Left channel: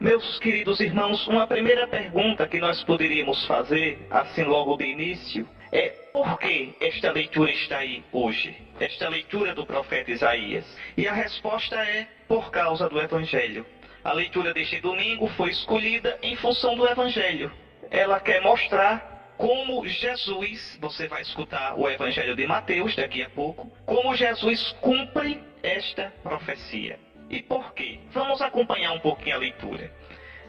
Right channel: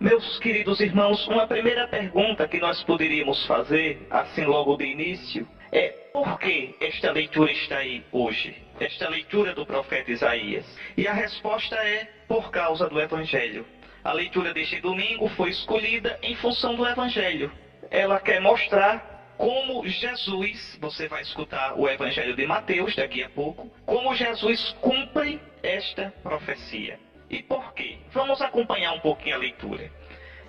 Meus queridos irmãos, uma primeira pergunta que nós poderíamos fazer, assim logo de início, é por que esta leitura está aí hoje? Esta leitura do profeta Isaías. E a resposta é por causa do Evangelho. A leitura deste domingo foi escolhida em função do Evangelho. Ela quer mostrar como Jesus, você vai escutar o Evangelho de Mateus daqui a pouco, como Jesus cumpre esta profecia. E por quê? Vamos acompanhar um pouquinho a leitura.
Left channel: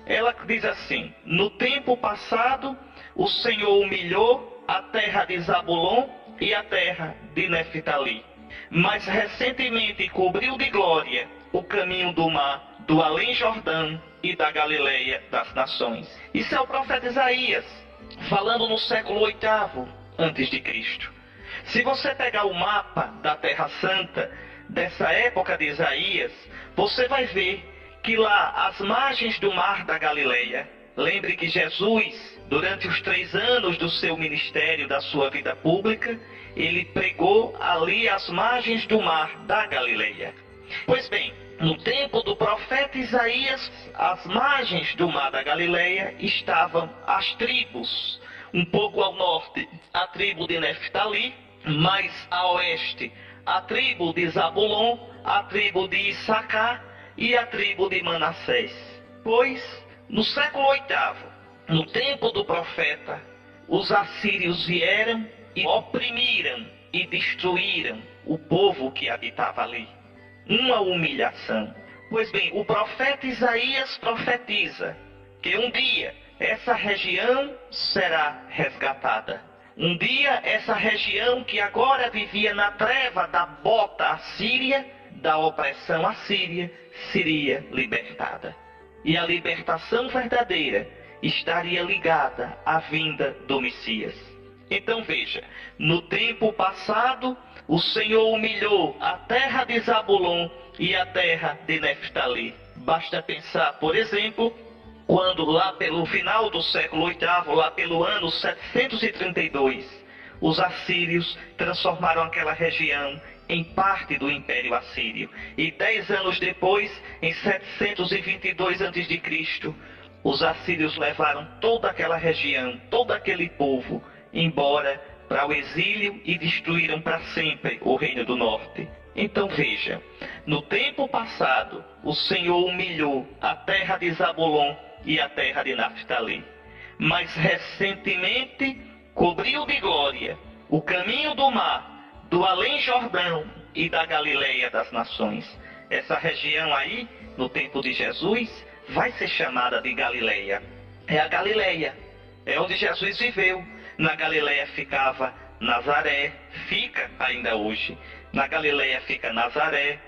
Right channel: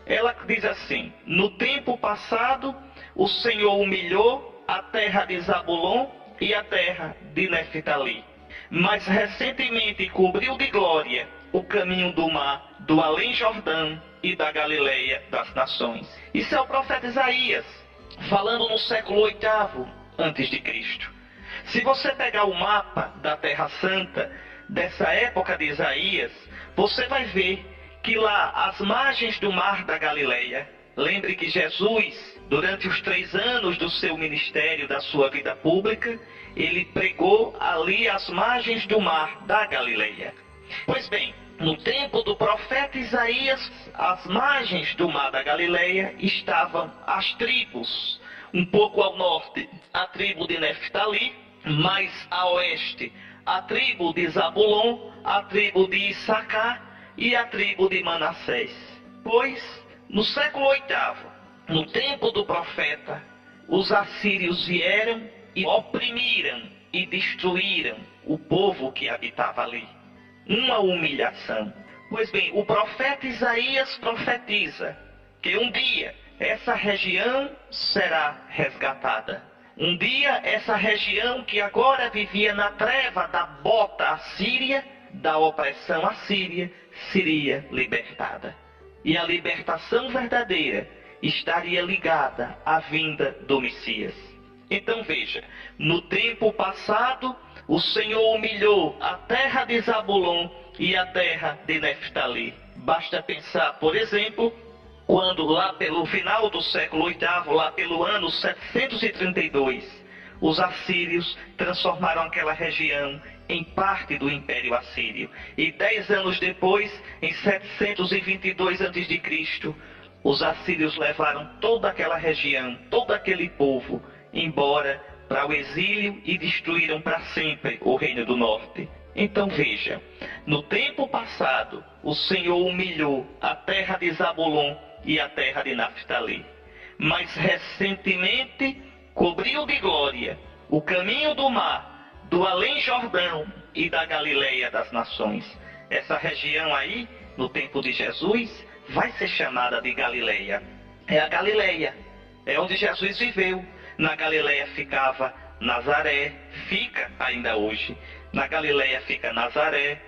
Ela diz assim: no tempo passado, o Senhor humilhou a terra de Zabulon e a terra de Neftali, mas recentemente cobriu de glória o caminho do mar, do além Jordão e da Galileia das nações. Isso é o profeta Isaías, falando no século VIII antes de Cristo. Se você pegar o mapa da Terra Santa, dessa época de Isaías, você vai ver que lá, às margens do mar da Galileia, lembre que Jesus, durante os 3 anos do seu ministério, da sua vida pública, ele pregou ali às margens do mar da Galileia. Pois bem, no tempo do profeta Isaías, às margens do mar da Galileia estavam as tribos. Um pouco ao norte, a tribo de Neftali, mais a oeste, a tribo de Zabulon, a tribo de Issacar e a tribo de Manassés. Pois, no século VIII, no tempo do profeta, os assírios vieram e oprimiram e destruíram o povo que habitava ali. Uma humilhação. Pois bem, o profeta Isaías profetiza que um dia essa região será resgatada. Um dia essa região que agora vivia na treva da bota assíria, da opressão assíria, seria libertada. E a libertação verdadeira estaria ligada à vinda do Messias. Então veja, no tempo passado, o Senhor humilhou a terra de Zabulon e a terra de Neftali. Basta pensar, por exemplo, quando lá pelo final do século VIII, lá pelo ano 732, os assírios transformaram aquela região em parte do Império Assírio. E 10 anos depois, em 722 a.C., os assírios levaram toda aquela região, todo aquele povo, embora para o exílio e destruíram para sempre o Reino do Norte. Então veja, no tempo passado, o Senhor humilhou a terra de Zabulon e a terra de Naftali, mas recentemente cobriu de glória o caminho do mar, do além Jordão e da Galileia das nações. Essa região aí, no tempo de Jesus, vai ser chamada de Galileia. É a Galileia, é onde Jesus viveu. Na Galileia ficava Nazaré, fica ainda hoje. Na Galileia fica Nazaré,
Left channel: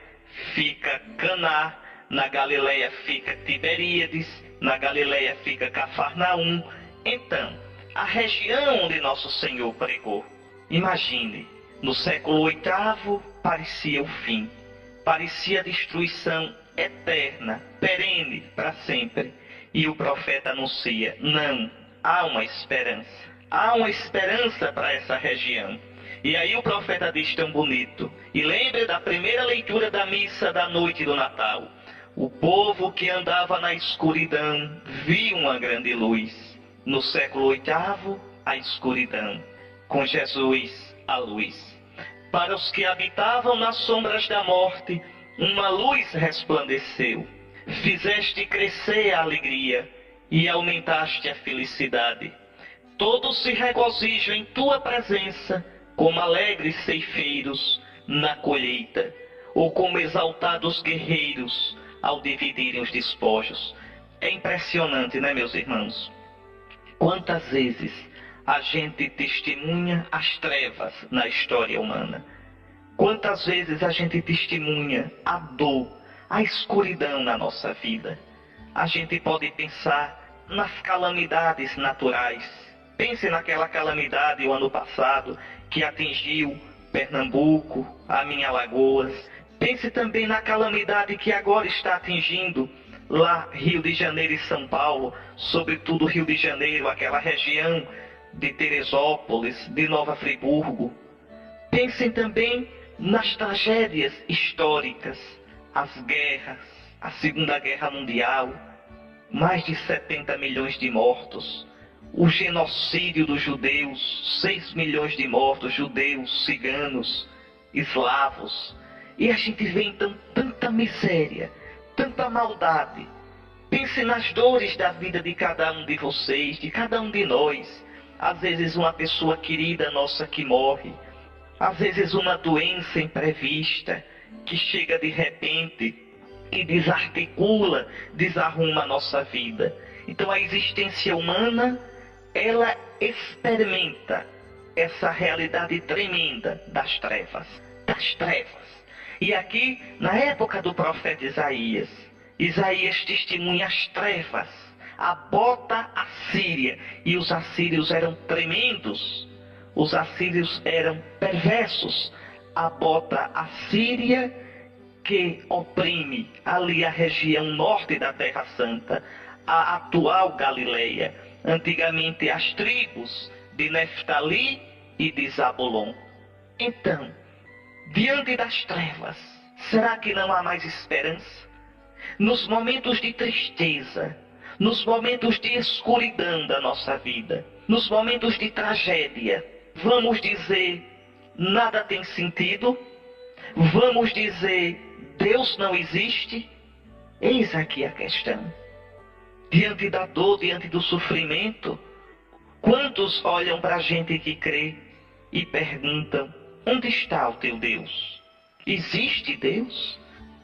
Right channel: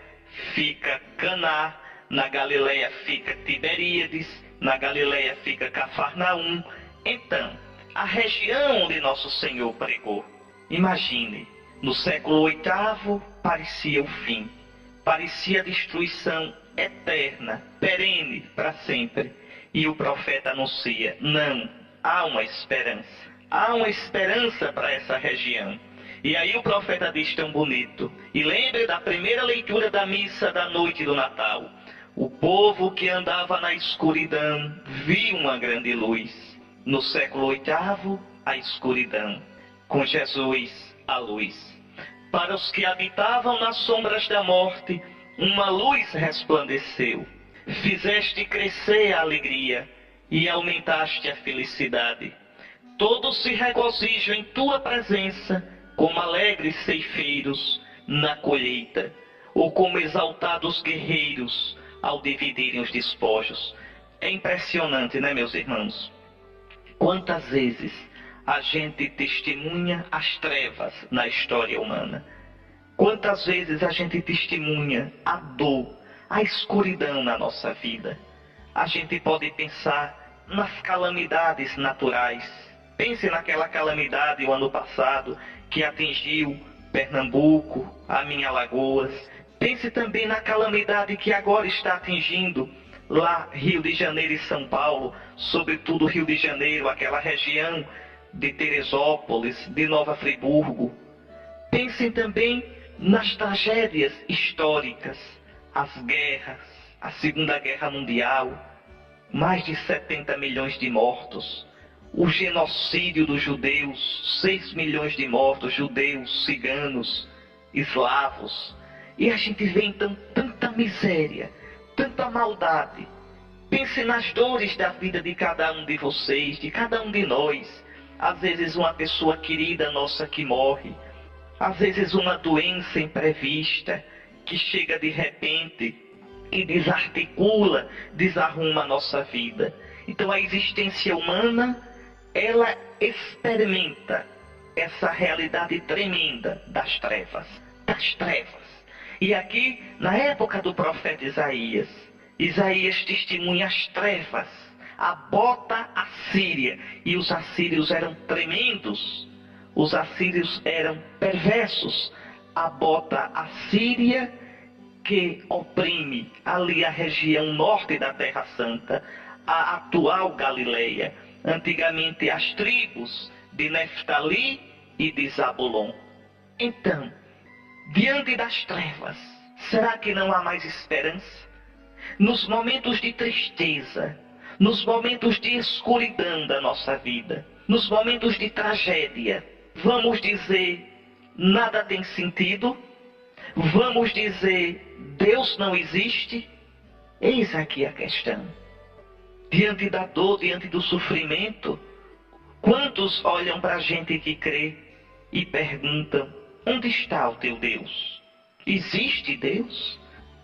fica Caná, na Galileia fica Tiberíades, na Galileia fica Cafarnaum. Então, a região onde Nosso Senhor pregou, imagine, no século VIII parecia o fim, parecia a destruição eterna, perene para sempre. E o profeta anuncia: não, há uma esperança. Há uma esperança para essa região. E aí o profeta diz tão bonito. E lembre da primeira leitura da missa da noite do Natal. O povo que andava na escuridão viu uma grande luz. No século VIII, a escuridão. Com Jesus, a luz. Para os que habitavam nas sombras da morte, uma luz resplandeceu. Fizeste crescer a alegria e aumentaste a felicidade. Todos se regozijam em tua presença, como alegres ceifeiros na colheita, ou como exaltados guerreiros ao dividirem os despojos. É impressionante, né, meus irmãos? Quantas vezes a gente testemunha as trevas na história humana? Quantas vezes a gente testemunha a dor, a escuridão na nossa vida? A gente pode pensar nas calamidades naturais. Pense naquela calamidade o ano passado que atingiu Pernambuco, a minha Alagoas. Pense também na calamidade que agora está atingindo lá Rio de Janeiro e São Paulo, sobretudo Rio de Janeiro, aquela região de Teresópolis, de Nova Friburgo. Pensem também nas tragédias históricas, as guerras, a Segunda Guerra Mundial. mais de 70 milhões de mortos, o genocídio dos judeus, 6 milhões de mortos, judeus, ciganos, eslavos. E a gente vê então tanta miséria, tanta maldade. Pense nas dores da vida de cada um de vocês, de cada um de nós. Às vezes uma pessoa querida nossa que morre, às vezes uma doença imprevista que chega de repente e desarticula, desarruma a nossa vida. Então a existência humana, ela experimenta essa realidade tremenda das trevas, das trevas. E aqui, na época do profeta Isaías, Isaías testemunha as trevas, a bota assíria. E os assírios eram tremendos, os assírios eram perversos. A bota assíria que oprime ali a região norte da Terra Santa, a atual Galileia, antigamente as tribos de Neftali e de Zabulon. Então, diante das trevas, será que não há mais esperança? Nos momentos de tristeza, nos momentos de escuridão da nossa vida, nos momentos de tragédia, vamos dizer, nada tem sentido? Vamos dizer, Deus não existe? Eis aqui a questão. Diante da dor, diante do sofrimento, quantos olham para a gente que crê e perguntam, onde está o teu Deus? Existe Deus?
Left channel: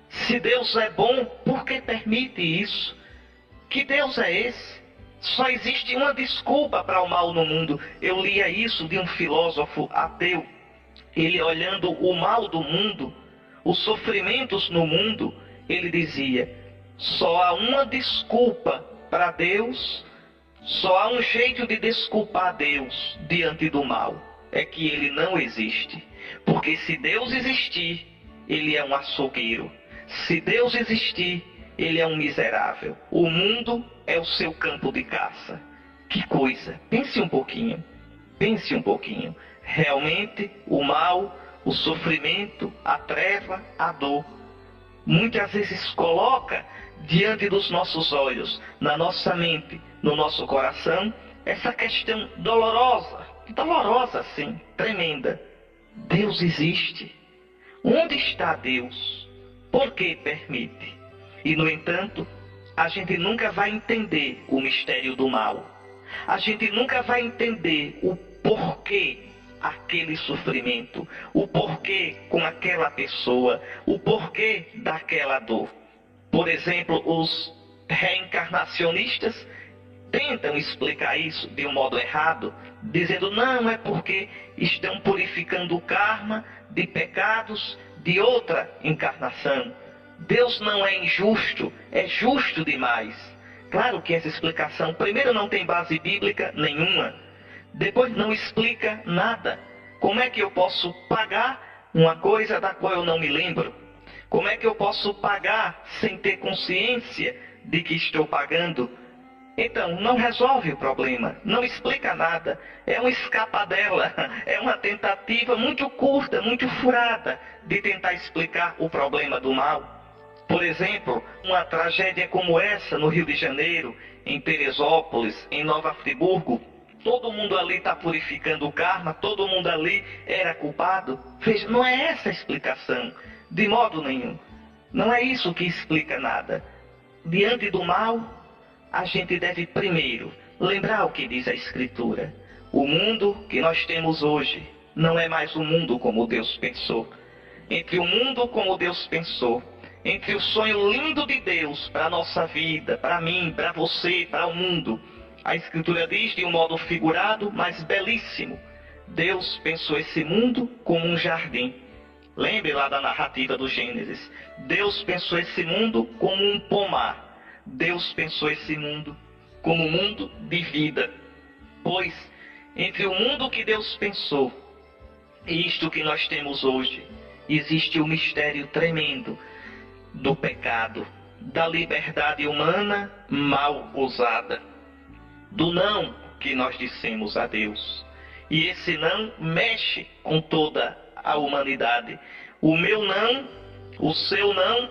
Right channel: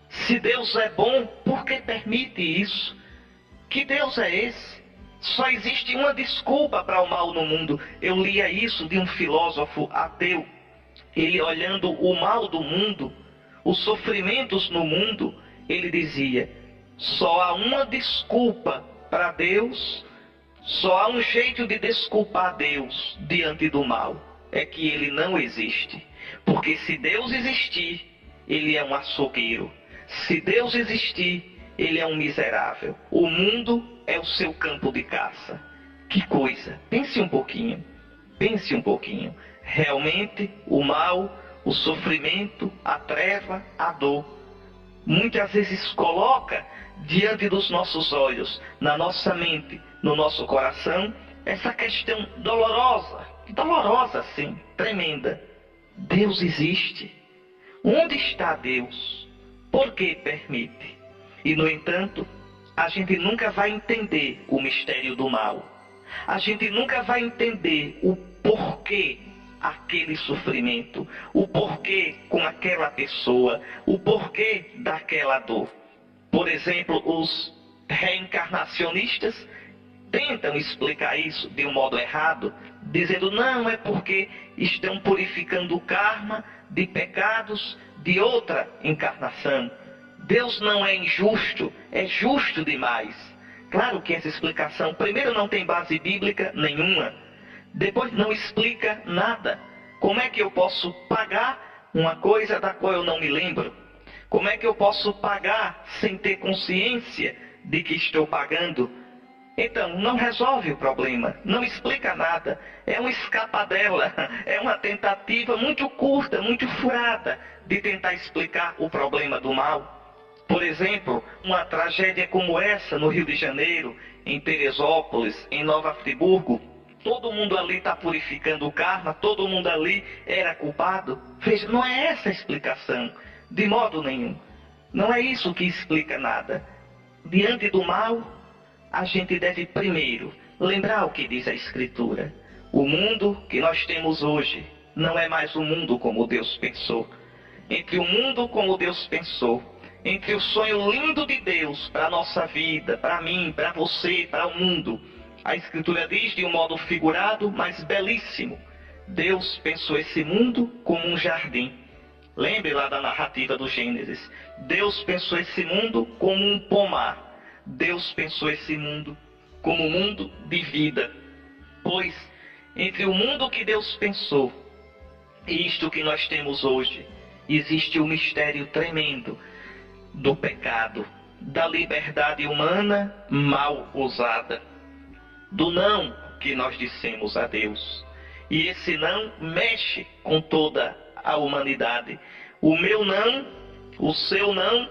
Se Deus é bom, por que permite isso? Que Deus é esse? Só existe uma desculpa para o mal no mundo. Eu lia isso de um filósofo ateu. Ele olhando o mal do mundo, os sofrimentos no mundo, ele dizia, só há uma desculpa para Deus, só há um jeito de desculpar Deus diante do mal, é que ele não existe. Porque se Deus existir, ele é um açougueiro. Se Deus existir, ele é um miserável. O mundo é o seu campo de caça. Que coisa! Pense um pouquinho. Pense um pouquinho. Realmente, o mal, o sofrimento, a treva, a dor, muitas vezes coloca diante dos nossos olhos, na nossa mente, no nosso coração, essa questão dolorosa, dolorosa sim, tremenda. Deus existe. Onde está Deus? Por que permite? E no entanto, a gente nunca vai entender o mistério do mal. A gente nunca vai entender o porquê aquele sofrimento, o porquê com aquela pessoa, o porquê daquela dor. Por exemplo, os reencarnacionistas tentam explicar isso de um modo errado, dizendo, não, é porque estão purificando o karma de pecados de outra encarnação. Deus não é injusto, é justo demais. Claro que essa explicação, primeiro, não tem base bíblica nenhuma, depois não explica nada. Como é que eu posso pagar uma coisa da qual eu não me lembro? Como é que eu posso pagar sem ter consciência de que estou pagando? Então, não resolve o problema, não explica nada. É uma escapadela, é uma tentativa muito curta, muito furada de tentar explicar o problema do mal. Por exemplo, uma tragédia como essa no Rio de Janeiro, em Teresópolis, em Nova Friburgo, todo mundo ali está purificando o karma, todo mundo ali era culpado. Veja, não é essa a explicação, de modo nenhum. Não é isso que explica nada. Diante do mal, a gente deve primeiro lembrar o que diz a Escritura. O mundo que nós temos hoje não é mais o mundo como Deus pensou. Entre o mundo como Deus pensou, entre o sonho lindo de Deus para a nossa vida, para mim, para você, para o mundo, a Escritura diz de um modo figurado, mas belíssimo, Deus pensou esse mundo como um jardim. Lembre lá da narrativa do Gênesis. Deus pensou esse mundo como um pomar. Deus pensou esse mundo como um mundo de vida. Pois, entre o mundo que Deus pensou e isto que nós temos hoje, existe um mistério tremendo do pecado, da liberdade humana mal usada, do não que nós dissemos a Deus. E esse não mexe com toda a humanidade. O meu não, o seu não,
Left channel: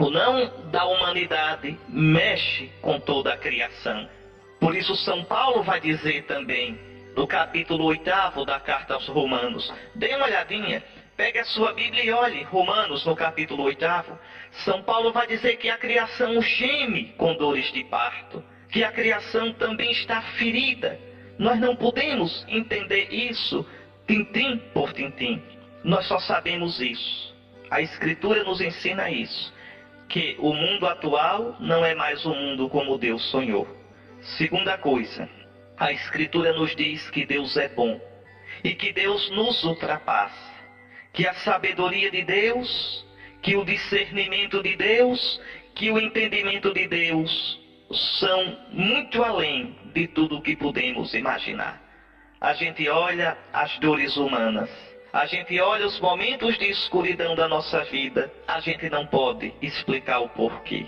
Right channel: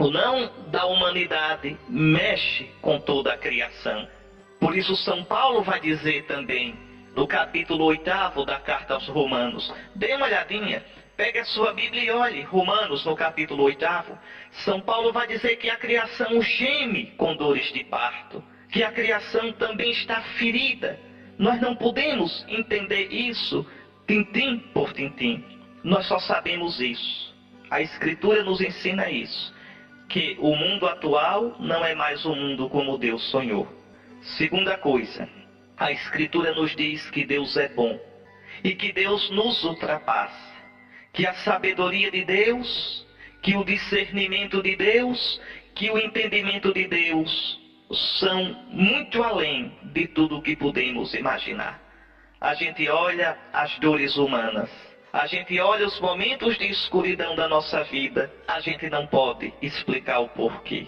O não da humanidade mexe com toda a criação. Por isso São Paulo vai dizer também, no capítulo 8 da carta aos Romanos, dê uma olhadinha, pegue a sua Bíblia e olhe, Romanos no capítulo 8, São Paulo vai dizer que a criação geme com dores de parto, que a criação também está ferida. Nós não podemos entender isso tintim por tintim. Nós só sabemos isso. A Escritura nos ensina isso, que o mundo atual não é mais o mundo como Deus sonhou. Segunda coisa, a Escritura nos diz que Deus é bom e que Deus nos ultrapassa, que a sabedoria de Deus, que o discernimento de Deus, que o entendimento de Deus são muito além de tudo o que podemos imaginar. A gente olha as dores humanas, a gente olha os momentos de escuridão da nossa vida, a gente não pode explicar o porquê.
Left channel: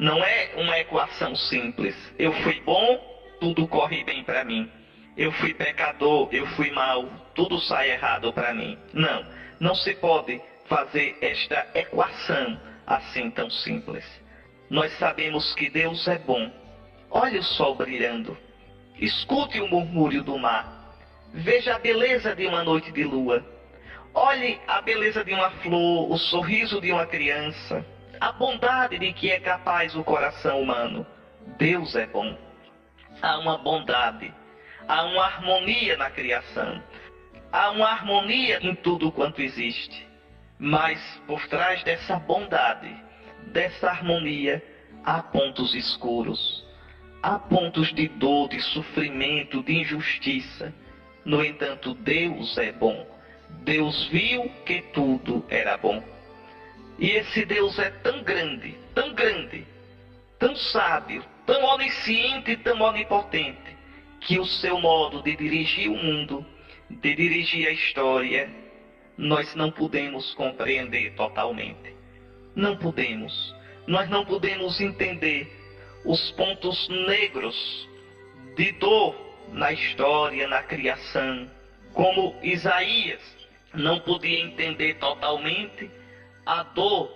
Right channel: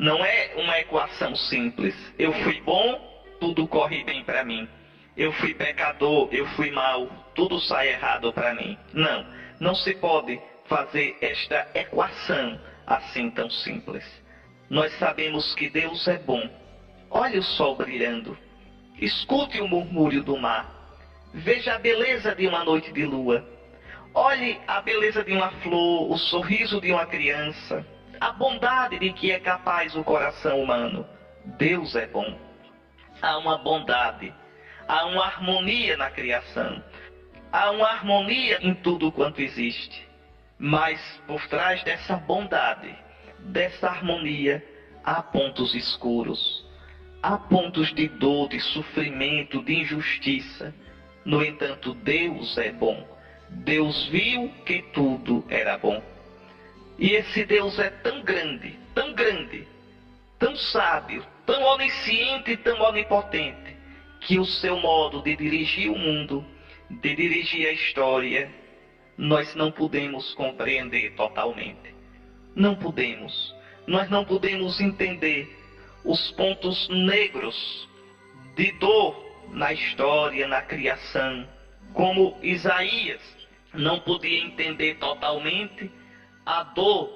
Não é uma equação simples. Eu fui bom, tudo corre bem para mim. Eu fui pecador, eu fui mau, tudo sai errado para mim. Não se pode fazer esta equação assim tão simples. Nós sabemos que Deus é bom. Olhe o sol brilhando. Escute o murmúrio do mar. Veja a beleza de uma noite de lua. Olhe a beleza de uma flor, o sorriso de uma criança, a bondade de que é capaz o coração humano. Deus é bom. Há uma bondade, há uma harmonia na criação, há uma harmonia em tudo quanto existe. Mas por trás dessa bondade, dessa harmonia, há pontos escuros, há pontos de dor, de sofrimento, de injustiça. No entanto, Deus é bom. Deus viu que tudo era bom. E esse Deus é tão grande, tão sábio, tão onisciente e tão onipotente, que o seu modo de dirigir o mundo, de dirigir a história, nós não podemos compreender totalmente. Não podemos. Nós não podemos entender os pontos negros de dor na história, na criação, como Isaías não podia entender totalmente a dor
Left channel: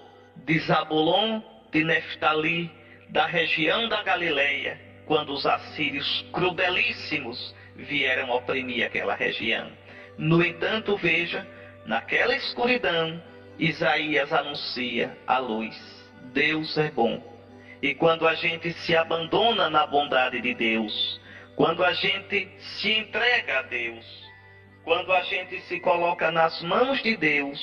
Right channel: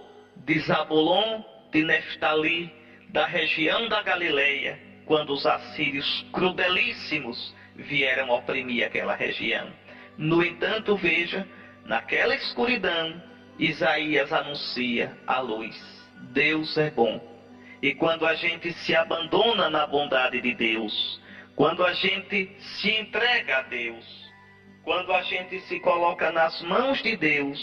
de Zabulon, de Neftali, da região da Galileia, quando os assírios crudelíssimos vieram oprimir aquela região. No entanto, veja, naquela escuridão, Isaías anuncia a luz. Deus é bom. E quando a gente se abandona na bondade de Deus, quando a gente se entrega a Deus, quando a gente se coloca nas mãos de Deus,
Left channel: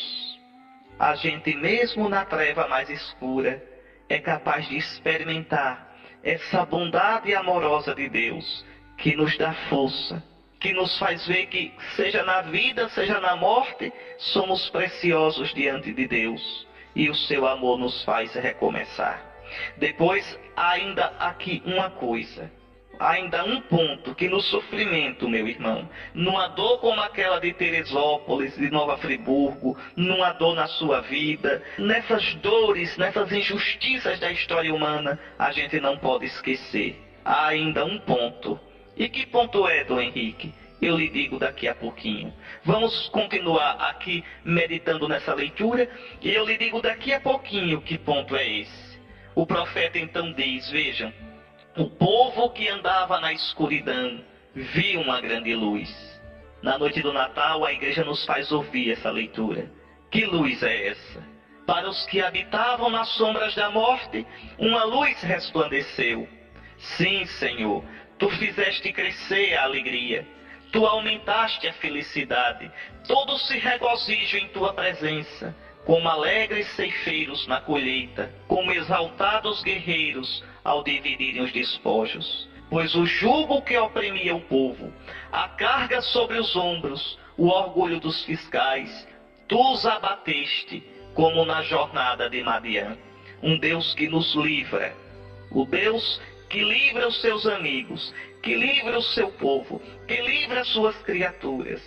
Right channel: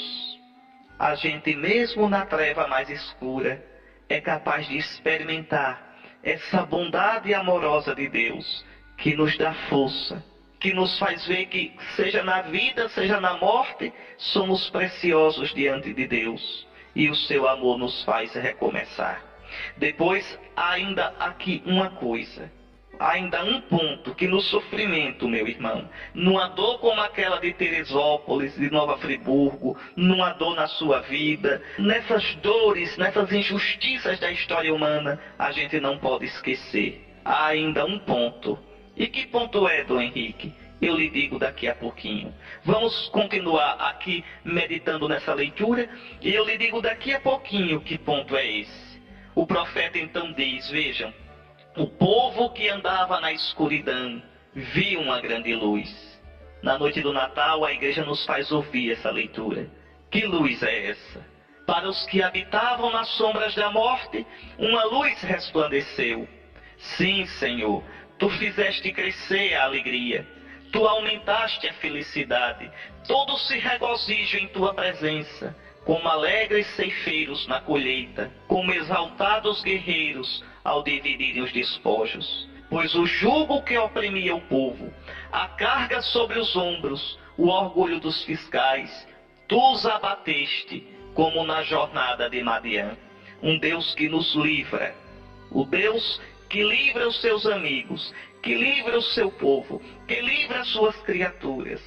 a gente mesmo na treva mais escura é capaz de experimentar essa bondade amorosa de Deus, que nos dá força, que nos faz ver que, seja na vida, seja na morte, somos preciosos diante de Deus, e o seu amor nos faz recomeçar. Depois, ainda aqui uma coisa, ainda um ponto, que no sofrimento, meu irmão, numa dor como aquela de Teresópolis, de Nova Friburgo, numa dor na sua vida, nessas dores, nessas injustiças da história humana, a gente não pode esquecer. Há ainda um ponto. E que ponto é, Dom Henrique? Eu lhe digo daqui a pouquinho. Vamos continuar aqui meditando nessa leitura, e eu lhe digo daqui a pouquinho que ponto é esse. O profeta então diz, vejam, o povo que andava na escuridão viu uma grande luz. Na noite do Natal, a igreja nos faz ouvir essa leitura. Que luz é essa? Para os que habitavam nas sombras da morte, uma luz resplandeceu. Sim, Senhor, tu fizeste crescer a alegria. Tu aumentaste a felicidade. Todos se regozijam em tua presença, como alegres ceifeiros na colheita, como exaltados guerreiros ao dividirem os despojos. Pois o jugo que oprimia o povo, a carga sobre os ombros, o orgulho dos fiscais, tu os abateste, como na jornada de Madian. Um Deus que nos livra, o Deus que livra os seus amigos, que livra o seu povo, que livra as suas criaturas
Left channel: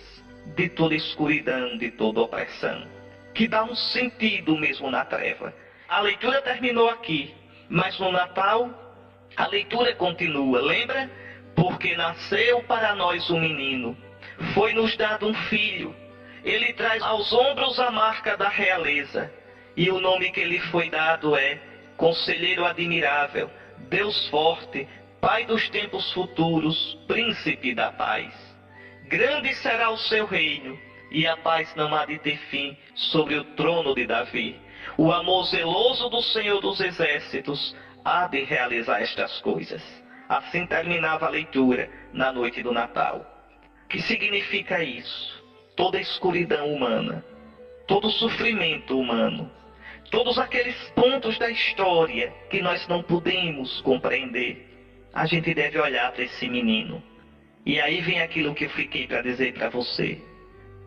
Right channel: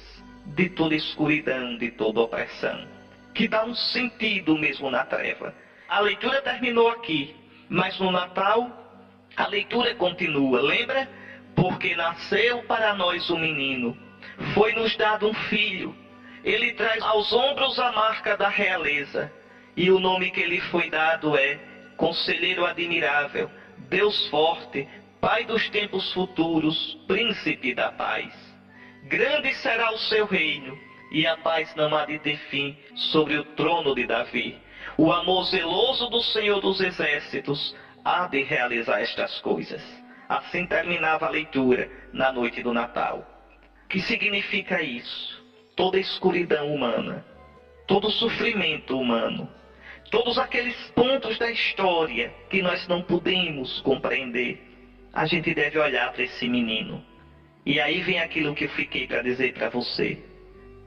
de toda escuridão, de toda opressão, que dá um sentido mesmo na treva. A leitura terminou aqui, mas no Natal a leitura continua. Lembra? Porque nasceu para nós um menino, foi-nos dado um filho. Ele traz aos ombros a marca da realeza, e o nome que lhe foi dado é Conselheiro admirável, Deus forte, Pai dos tempos futuros, Príncipe da paz. Grande será o seu reino, e a paz não há de ter fim sobre o trono de Davi. O amor zeloso do Senhor dos Exércitos há de realizar estas coisas. Assim terminava a leitura na noite do Natal. O que significa isso? Toda a escuridão humana, todo o sofrimento humano, todos aqueles pontos da história que nós não podemos compreender, a gente deve olhar para esse menino. E aí vem aquilo que eu fiquei para dizer para você.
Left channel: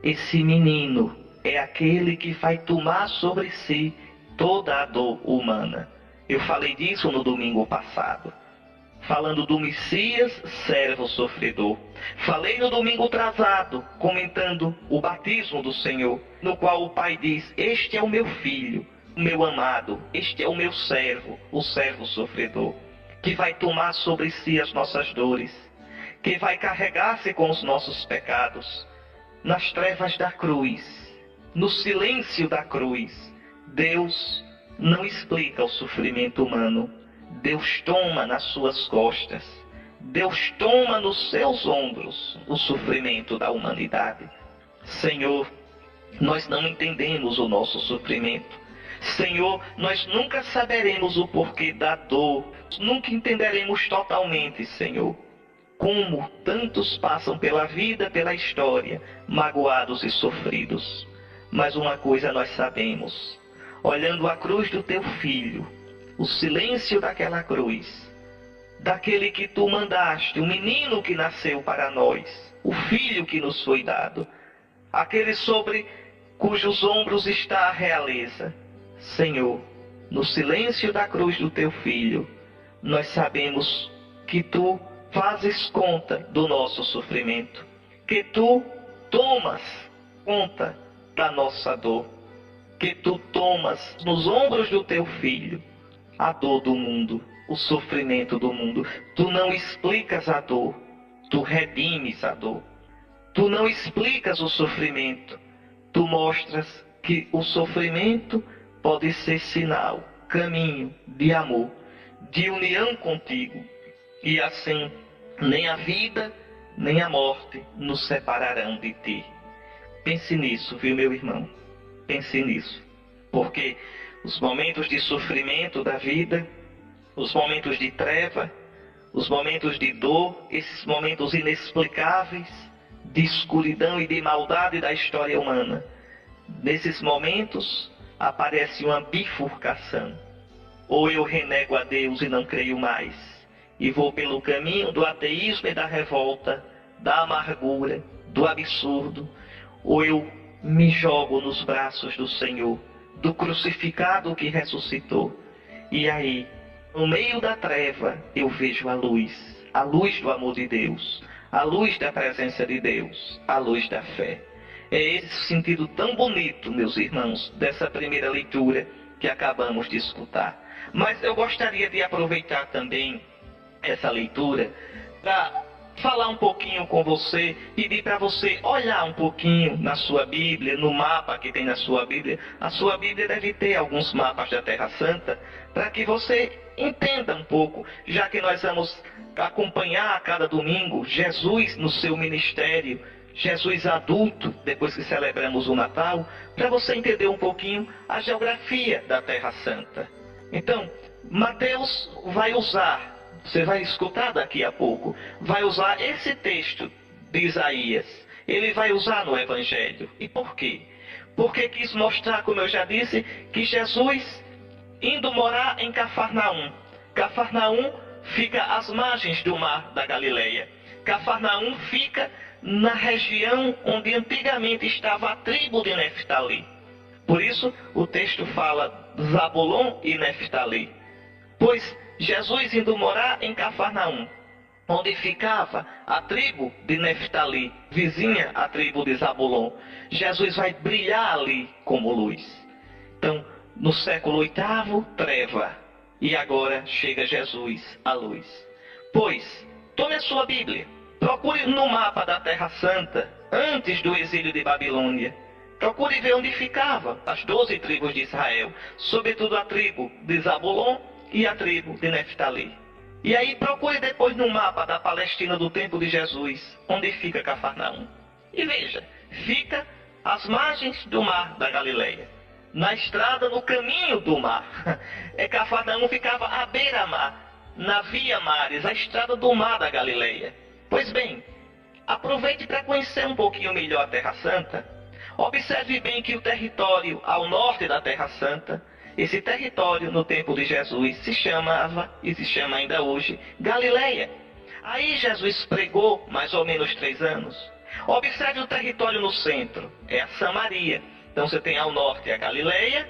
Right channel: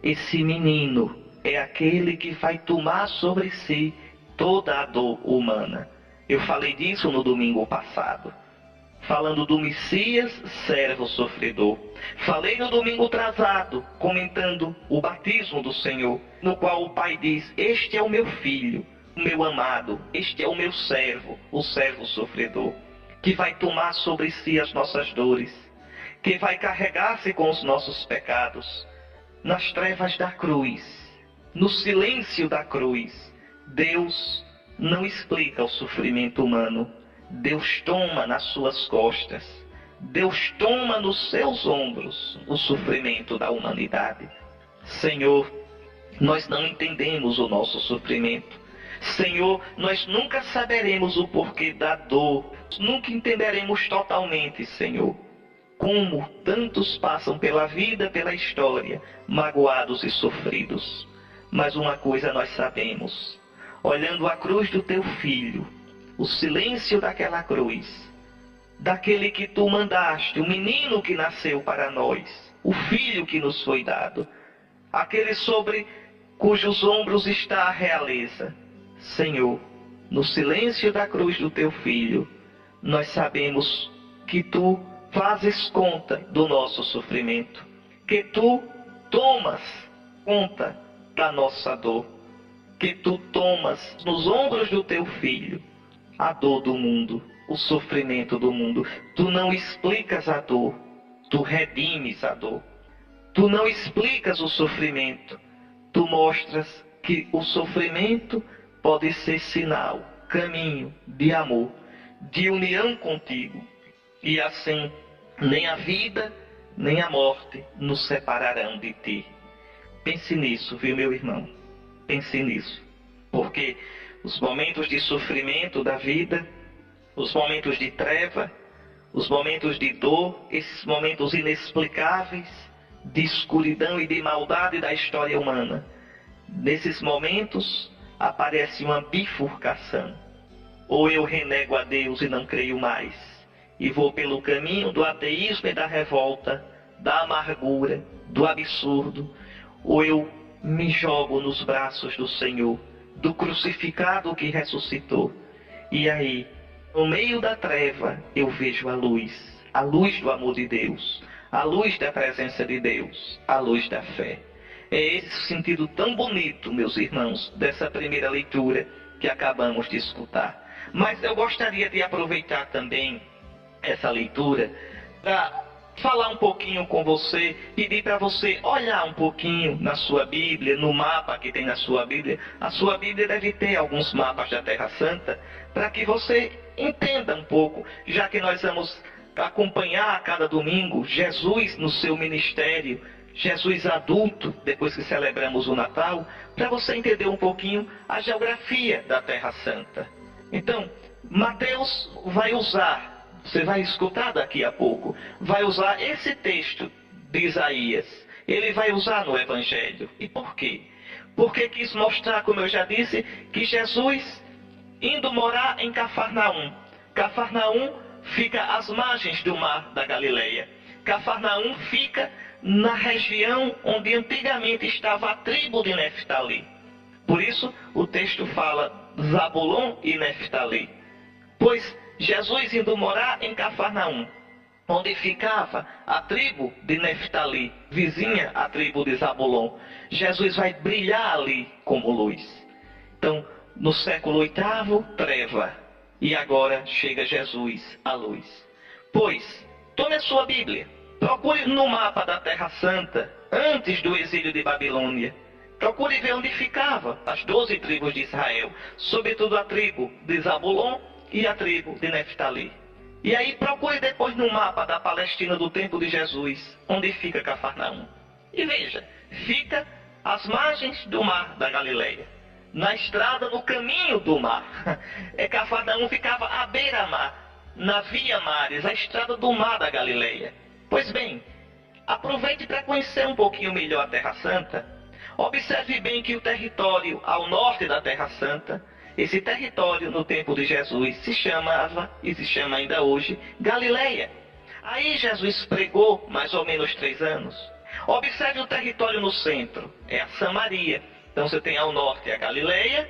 Esse menino é aquele que vai tomar sobre si toda a dor humana. Eu falei disso no domingo passado, falando do Messias, servo sofredor. Falei no domingo atrasado, comentando o batismo do Senhor, no qual o Pai diz: este é o meu filho, o meu amado, este é o meu servo, o servo sofredor, que vai tomar sobre si as nossas dores, que vai carregar-se com os nossos pecados. Nas trevas da cruz, no silêncio da cruz, Deus não explica o sofrimento humano. Deus toma nas suas costas, Deus toma nos seus ombros o sofrimento da humanidade. Senhor, nós não entendemos o nosso sofrimento. Senhor, nós nunca saberemos o porquê da dor, nunca entenderemos totalmente, Senhor, como tantos passam pela vida, pela história, magoados e sofridos. Mas uma coisa nós sabemos, olhando a cruz do teu filho, o silêncio daquela cruz, daquele que tu mandaste, o menino que nasceu para nós, o filho que nos foi dado, aquele sobre cujos ombros está a realeza. Senhor, no silêncio da cruz do teu filho, nós sabemos que tu fazes conta do nosso sofrimento, que tu tomas conta da nossa dor, que tu tomas nos ombros do teu filho a dor do mundo, o sofrimento do mundo. Tu não explicas a dor, tu redimes a dor. Tu não explicas o sofrimento, tu mostras que o sofrimento pode ser sinal, caminho de amor, de união contigo. E assim, nem a vida, nem a morte nos separarão de ti. Pense nisso, viu, meu irmão? Pense nisso. Porque os momentos de sofrimento da vida, os momentos de treva, os momentos de dor, esses momentos inexplicáveis, de escuridão e de maldade da história humana, nesses momentos aparece uma bifurcação. Ou eu renego a Deus e não creio mais, e vou pelo caminho do ateísmo e da revolta, da amargura, do absurdo, ou eu me jogo nos braços do Senhor, do crucificado que ressuscitou. E aí, no meio da treva, eu vejo a luz do amor de Deus, a luz da presença de Deus, a luz da fé. É esse sentido tão bonito, meus irmãos, dessa primeira leitura que acabamos de escutar. Mas eu gostaria de aproveitar também essa leitura para falar um pouquinho com você, pedir para você olhar um pouquinho na sua Bíblia, no mapa que tem na sua Bíblia. A sua Bíblia deve ter alguns mapas da Terra Santa, para que você entenda um pouco, já que nós vamos acompanhar a cada domingo Jesus no seu ministério, Jesus adulto, depois que celebramos o Natal, para você entender um pouquinho a geografia da Terra Santa. Então, Mateus vai usar, você vai escutar daqui a pouco, vai usar esse texto de Isaías. Ele vai usar no Evangelho. E por quê? Porque quis mostrar, como eu já disse, que Jesus, indo morar em Cafarnaum. Cafarnaum fica às margens do mar da Galileia. Cafarnaum fica na região onde antigamente estava a tribo de Neftali. Por isso, o texto fala Zabulon e Neftali. Pois Jesus indo morar em Cafarnaum, onde ficava a tribo de Neftali, vizinha à tribo de Zabulon, Jesus vai brilhar ali como luz. Então, no século VIII, treva. E agora chega Jesus, a luz. Pois, tome a sua Bíblia, procure no mapa da Terra Santa, antes do exílio de Babilônia. Procure ver onde ficava as 12 tribos de Israel, sobretudo a tribo de Zabulon e a tribo de Neftali. E aí procure depois no mapa da Palestina do tempo de Jesus, onde fica Cafarnaum. E veja, fica às margens do mar da Galileia, na estrada, no caminho do mar. Cafarnaum ficava à beira-mar, na via mares, a estrada do mar da Galileia. Pois bem, aproveite para conhecer um pouquinho melhor a Terra Santa. Observe bem que o território ao norte da Terra Santa, esse território no tempo de Jesus se chamava, e se chama ainda hoje, Galileia. Aí Jesus pregou mais ou menos 3 anos. Observe o território no centro, é a Samaria. Então você tem ao norte a Galileia,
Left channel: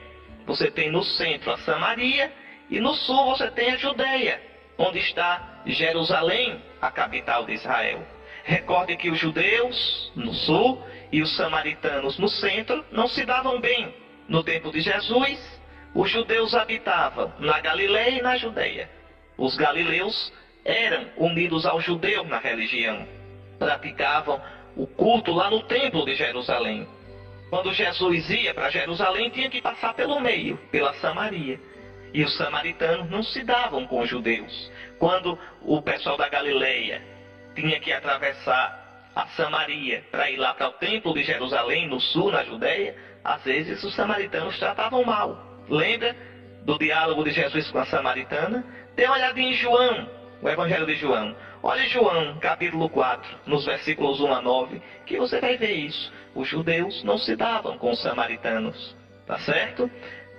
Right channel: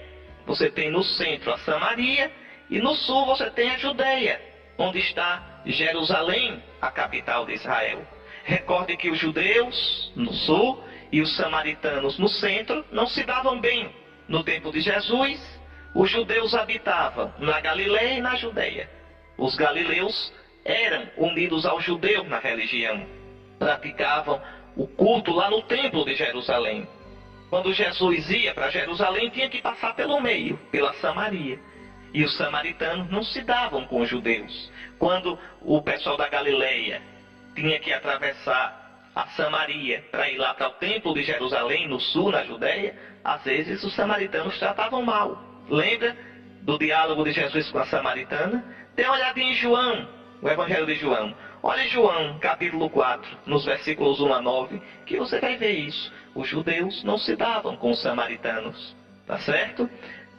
você tem no centro a Samaria, e no sul você tem a Judeia, onde está Jerusalém, a capital de Israel. Recorde que os judeus no sul e os samaritanos no centro não se davam bem. No tempo de Jesus, os judeus habitavam na Galileia e na Judeia. Os galileus eram unidos aos judeus na religião. Praticavam o culto lá no templo de Jerusalém. Quando Jesus ia para Jerusalém, tinha que passar pelo meio, pela Samaria. E os samaritanos não se davam com os judeus. Quando o pessoal da Galileia tinha que atravessar a Samaria para ir lá para o templo de Jerusalém, no sul, na Judeia, às vezes os samaritanos tratavam mal. Lembra do diálogo de Jesus com a samaritana? Dê uma olhadinha em João, o Evangelho de João. Olha João, capítulo 4, nos versículos 1 a 9, que você vai ver isso. Os judeus não se davam com os samaritanos, tá certo?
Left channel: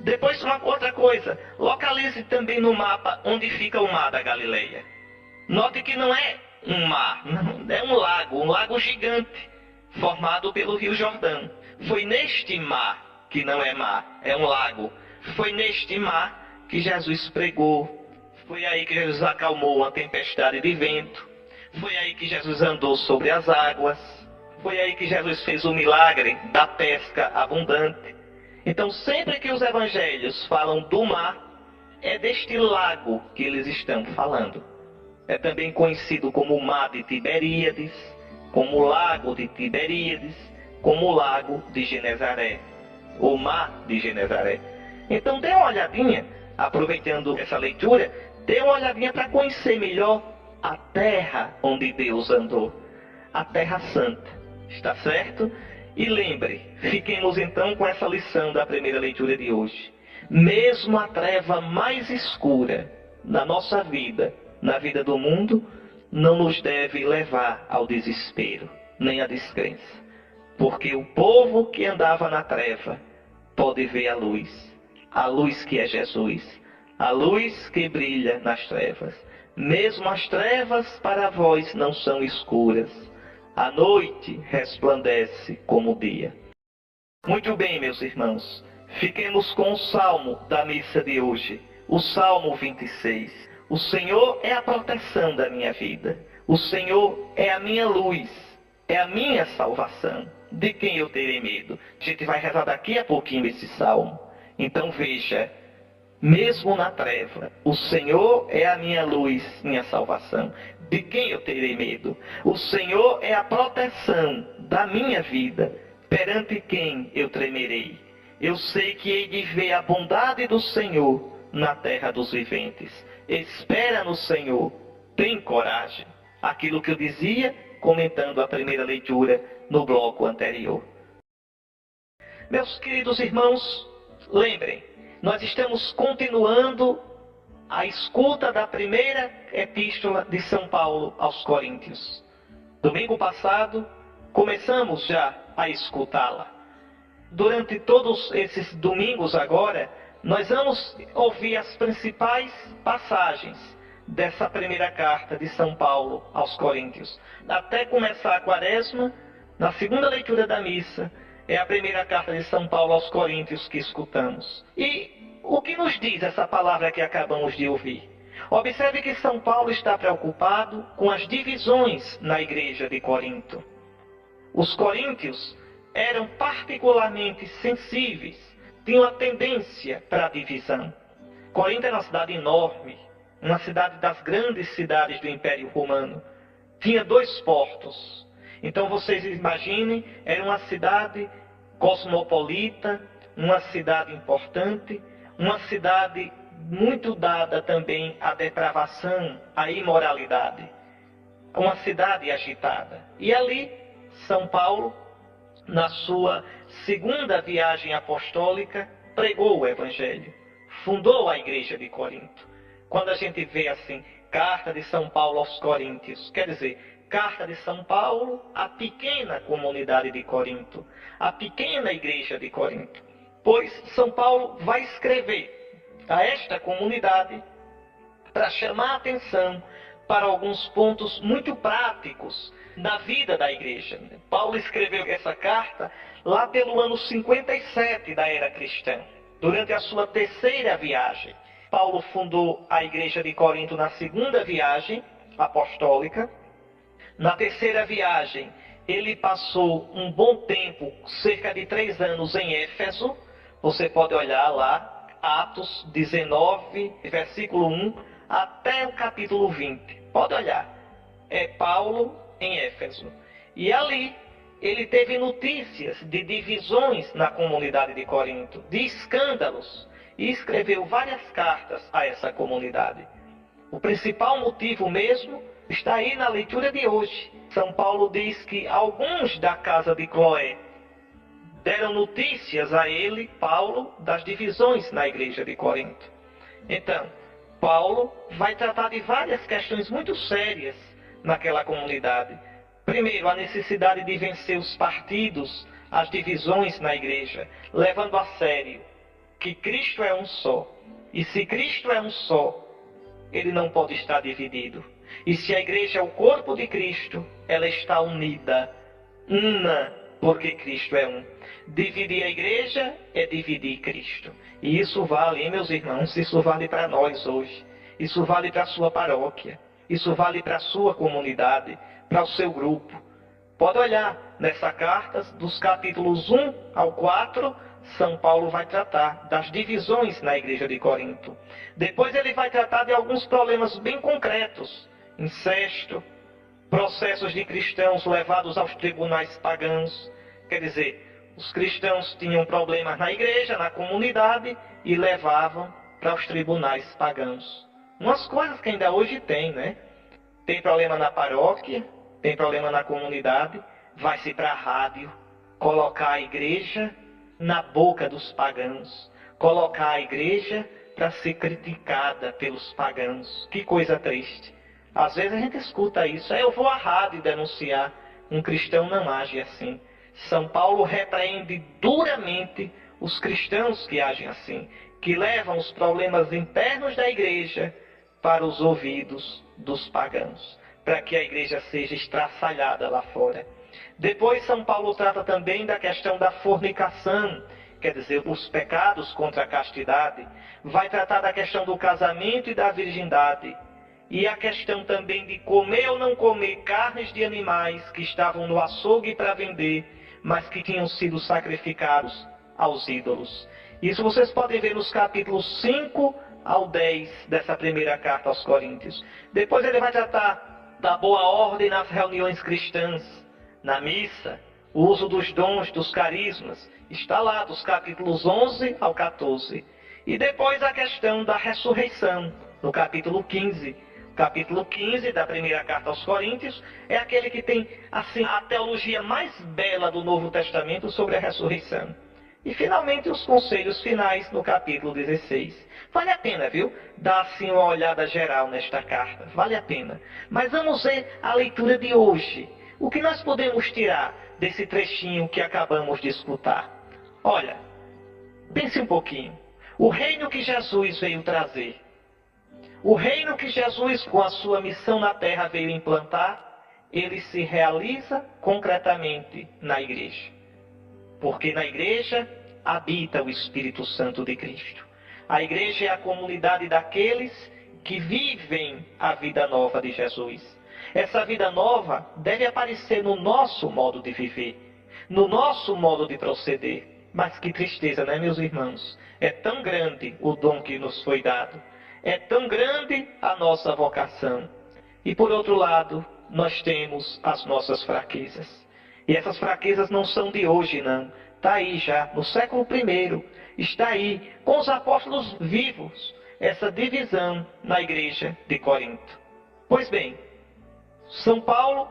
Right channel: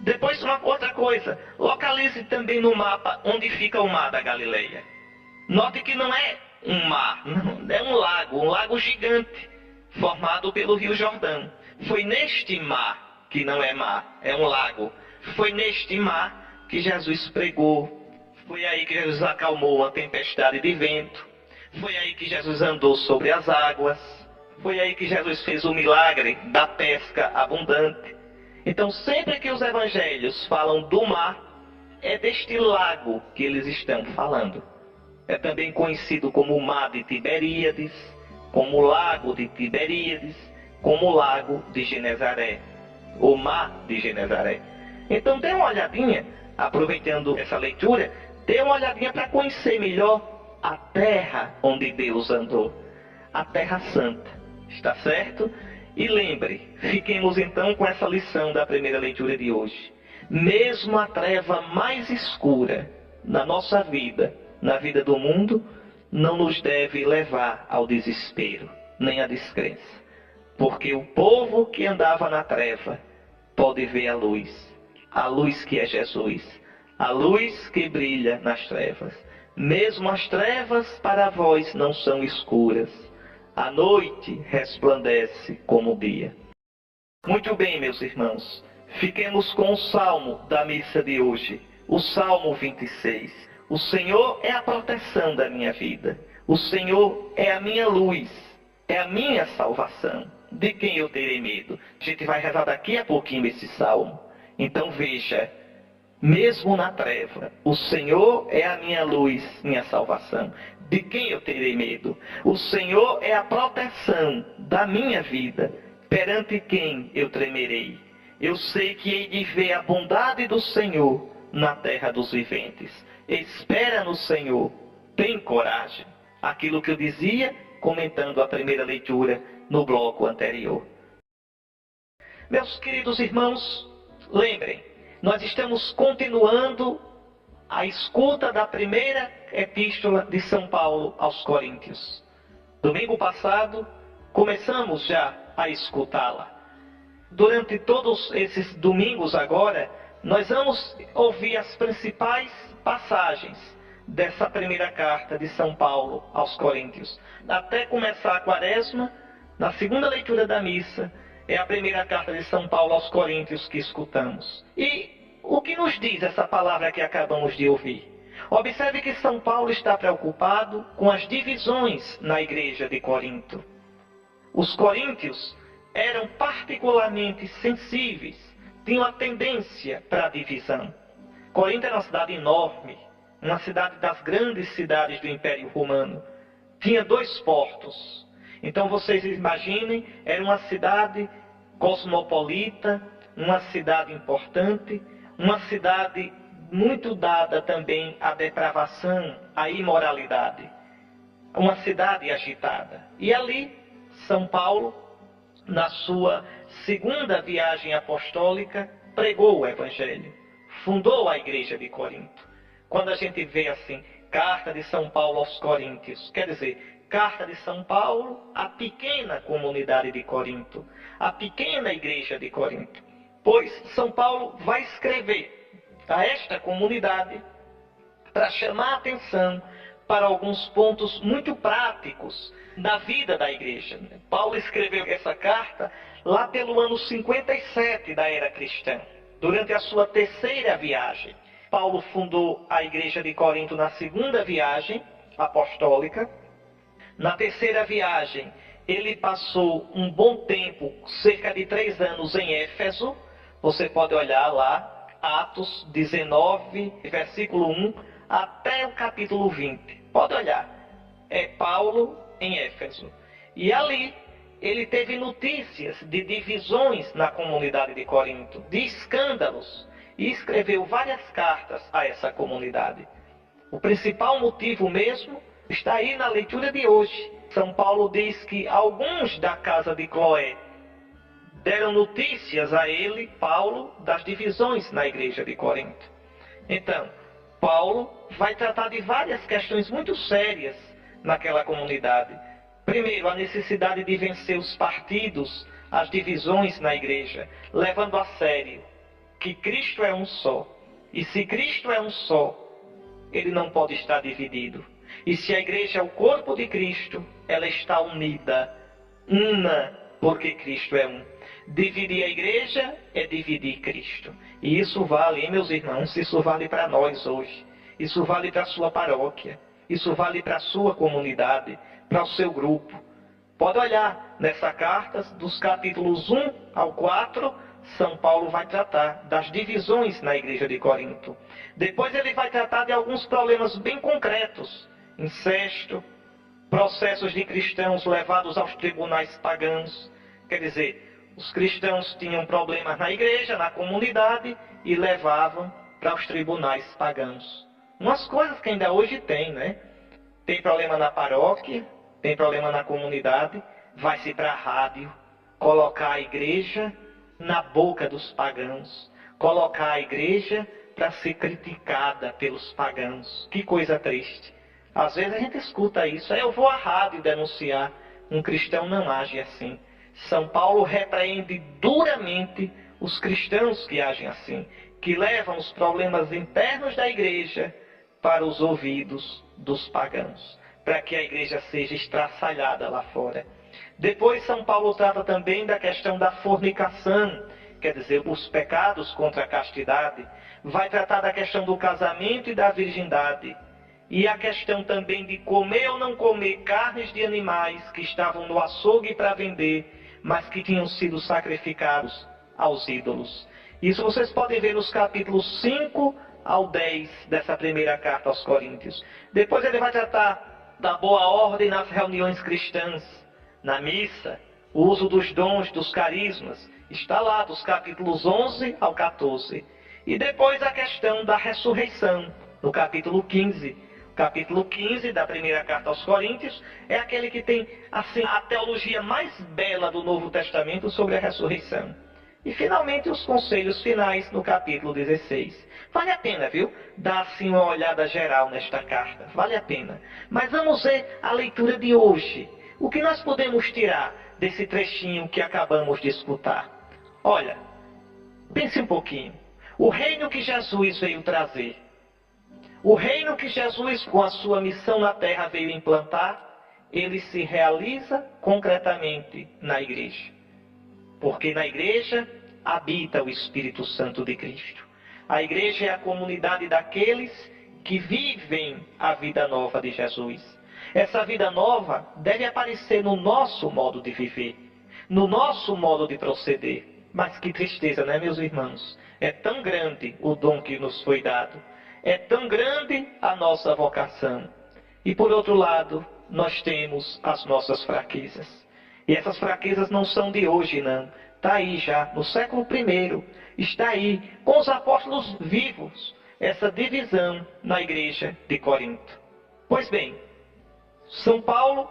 Depois, uma outra coisa, localize também no mapa onde fica o mar da Galileia. Note que não é um mar, não, é um lago gigante, formado pelo Rio Jordão. Foi neste mar, que não é mar, é um lago, foi neste mar que Jesus pregou. Foi aí que Jesus acalmou uma tempestade de vento. Foi aí que Jesus andou sobre as águas. Foi aí que Jesus fez o milagre da pesca abundante. Então, sempre que os evangelhos falam do mar, é deste lago que eles estão falando. É também conhecido como o mar de Tiberíades, como o lago de Tiberíades, como o lago de Genezaré, o mar de Genezaré. Então, dê uma olhadinha, aproveitando essa leitura, dê uma olhadinha para conhecer melhor a terra onde Deus andou, a Terra Santa, está certo? E lembre, fiquemos então com essa lição da primeira leitura de hoje. Mesmo a treva mais escura na nossa vida, na vida do mundo, não nos deve levar ao desespero, nem à descrença. Porque o povo que andava na treva pode ver a luz que é Jesus, a luz que brilha nas trevas. Mesmo as trevas para vós não são escuras, a noite resplandece como o dia. Muito bem, meus irmãos, fiquemos com o salmo da missa de hoje, o Salmo 26. O Senhor é a proteção da minha vida, o Senhor é a minha luz, é a minha salvação. De quem eu terei medo? A gente vai rezar daqui a pouquinho esse salmo. Então veja, mesmo na treva, o Senhor é a minha luz, minha salvação. De quem eu terei medo? O Senhor é a proteção da minha vida. Perante quem eu tremerei? Eu sei que hei de ver a bondade do Senhor na terra dos viventes. Espera no Senhor, tem coragem. Aquilo que eu dizia, comentando a primeira leitura no bloco anterior. Meus queridos irmãos, lembrem, nós estamos continuando a escuta da primeira epístola de São Paulo aos Coríntios. Domingo passado, começamos já a escutá-la. Durante todos esses domingos agora, nós vamos ouvir as principais passagens dessa primeira carta de São Paulo aos Coríntios. Até começar a quaresma, na segunda leitura da missa, é a primeira carta de São Paulo aos Coríntios que escutamos. E o que nos diz essa palavra que acabamos de ouvir? Observe que São Paulo está preocupado com as divisões na igreja de Corinto. Os coríntios eram particularmente sensíveis, tinham a tendência para a divisão. Corinto era uma cidade enorme, uma cidade das grandes cidades do Império Romano. Tinha 2 portos. Então vocês imaginem, era uma cidade cosmopolita, uma cidade importante, uma cidade muito dada também à depravação, à imoralidade. Uma cidade agitada. E ali, São Paulo, na sua segunda viagem apostólica, pregou o Evangelho, fundou a igreja de Corinto. Quando a gente vê assim, carta de São Paulo aos Coríntios, quer dizer, carta de São Paulo à pequena comunidade de Corinto, à pequena igreja de Corinto. Pois São Paulo vai escrever a esta comunidade para chamar a atenção para alguns pontos muito práticos da vida da igreja. Paulo escreveu essa carta lá pelo ano 57 da era cristã, durante a sua terceira viagem. Paulo fundou a igreja de Corinto na segunda viagem apostólica. Na terceira viagem, ele passou um bom tempo, cerca de 3 anos, em Éfeso. Você pode olhar lá, Atos 19, versículo 1, até o capítulo 20. Pode olhar. É Paulo em Éfeso. E ali, ele teve notícias de divisões na comunidade de Corinto, de escândalos, e escreveu várias cartas a essa comunidade. O principal motivo mesmo está aí na leitura de hoje. São Paulo diz que alguns da casa de Cloé deram notícias a ele, Paulo, das divisões na igreja de Corinto. Então, Paulo vai tratar de várias questões muito sérias naquela comunidade. Primeiro, a necessidade de vencer os partidos, as divisões na igreja, levando a sério que Cristo é um só. E se Cristo é um só, ele não pode estar dividido. E se a igreja é o corpo de Cristo, ela está unida, una, porque Cristo é um. Dividir a igreja é dividir Cristo. E isso vale, meus irmãos, isso vale para nós hoje. Isso vale para a sua paróquia. Isso vale para a sua comunidade, para o seu grupo. Pode olhar nessa carta, dos capítulos 1 ao 4, São Paulo vai tratar das divisões na igreja de Corinto. Depois ele vai tratar de alguns problemas bem concretos. Incesto, processos de cristãos levados aos tribunais pagãos. Quer dizer, os cristãos tinham problemas na igreja, na comunidade, e levavam para os tribunais pagãos. Umas coisas que ainda hoje tem, né? Tem problema na paróquia, tem problema na comunidade, vai-se para a rádio, colocar a igreja na boca dos pagãos, colocar a igreja para ser criticada pelos pagãos. Que coisa triste. Às vezes a gente escuta isso, eu vou à rádio denunciar. Um cristão não age assim. São Paulo repreende duramente os cristãos que agem assim, que levam os problemas internos da igreja para os ouvidos dos pagãos, para que a igreja seja estraçalhada lá fora. Depois São Paulo trata também da questão da fornicação, quer dizer, os pecados contra a castidade. Vai tratar da questão do casamento e da virgindade. E a questão também de comer ou não comer carnes de animais que estavam no açougue para vender, mas que tinham sido sacrificados aos ídolos. Isso vocês podem ver nos capítulos 5 ao 10 dessa primeira carta aos Coríntios. Depois ele vai tratar da boa ordem nas reuniões cristãs, na missa, o uso dos dons, dos carismas. Está lá, dos capítulos 11 ao 14. E depois a questão da ressurreição, no capítulo 15. O capítulo 15 da primeira carta aos Coríntios é aquele que tem, assim, a teologia mais bela do Novo Testamento sobre a ressurreição. E, finalmente, os conselhos finais no capítulo 16. Vale a pena, viu? Dar, assim, uma olhada geral nesta carta. Vale a pena. Mas vamos ver a leitura de hoje. O que nós podemos tirar desse trechinho que acabamos de escutar? Olha, pense um pouquinho. O reino que Jesus veio trazer, o reino que Jesus, com a sua missão na terra, veio implantar, ele se realiza concretamente na igreja. Porque na igreja habita o Espírito Santo de Cristo. A igreja é a comunidade daqueles que vivem a vida nova de Jesus. Essa vida nova deve aparecer no nosso modo de viver, no nosso modo de proceder. Mas que tristeza, né, meus irmãos? É tão grande o dom que nos foi dado. É tão grande a nossa vocação. E por outro lado, nós temos as nossas fraquezas. E essas fraquezas não são de hoje, não. está aí já, no século I, está aí, com os apóstolos vivos, essa divisão na igreja de Corinto. Pois bem, São Paulo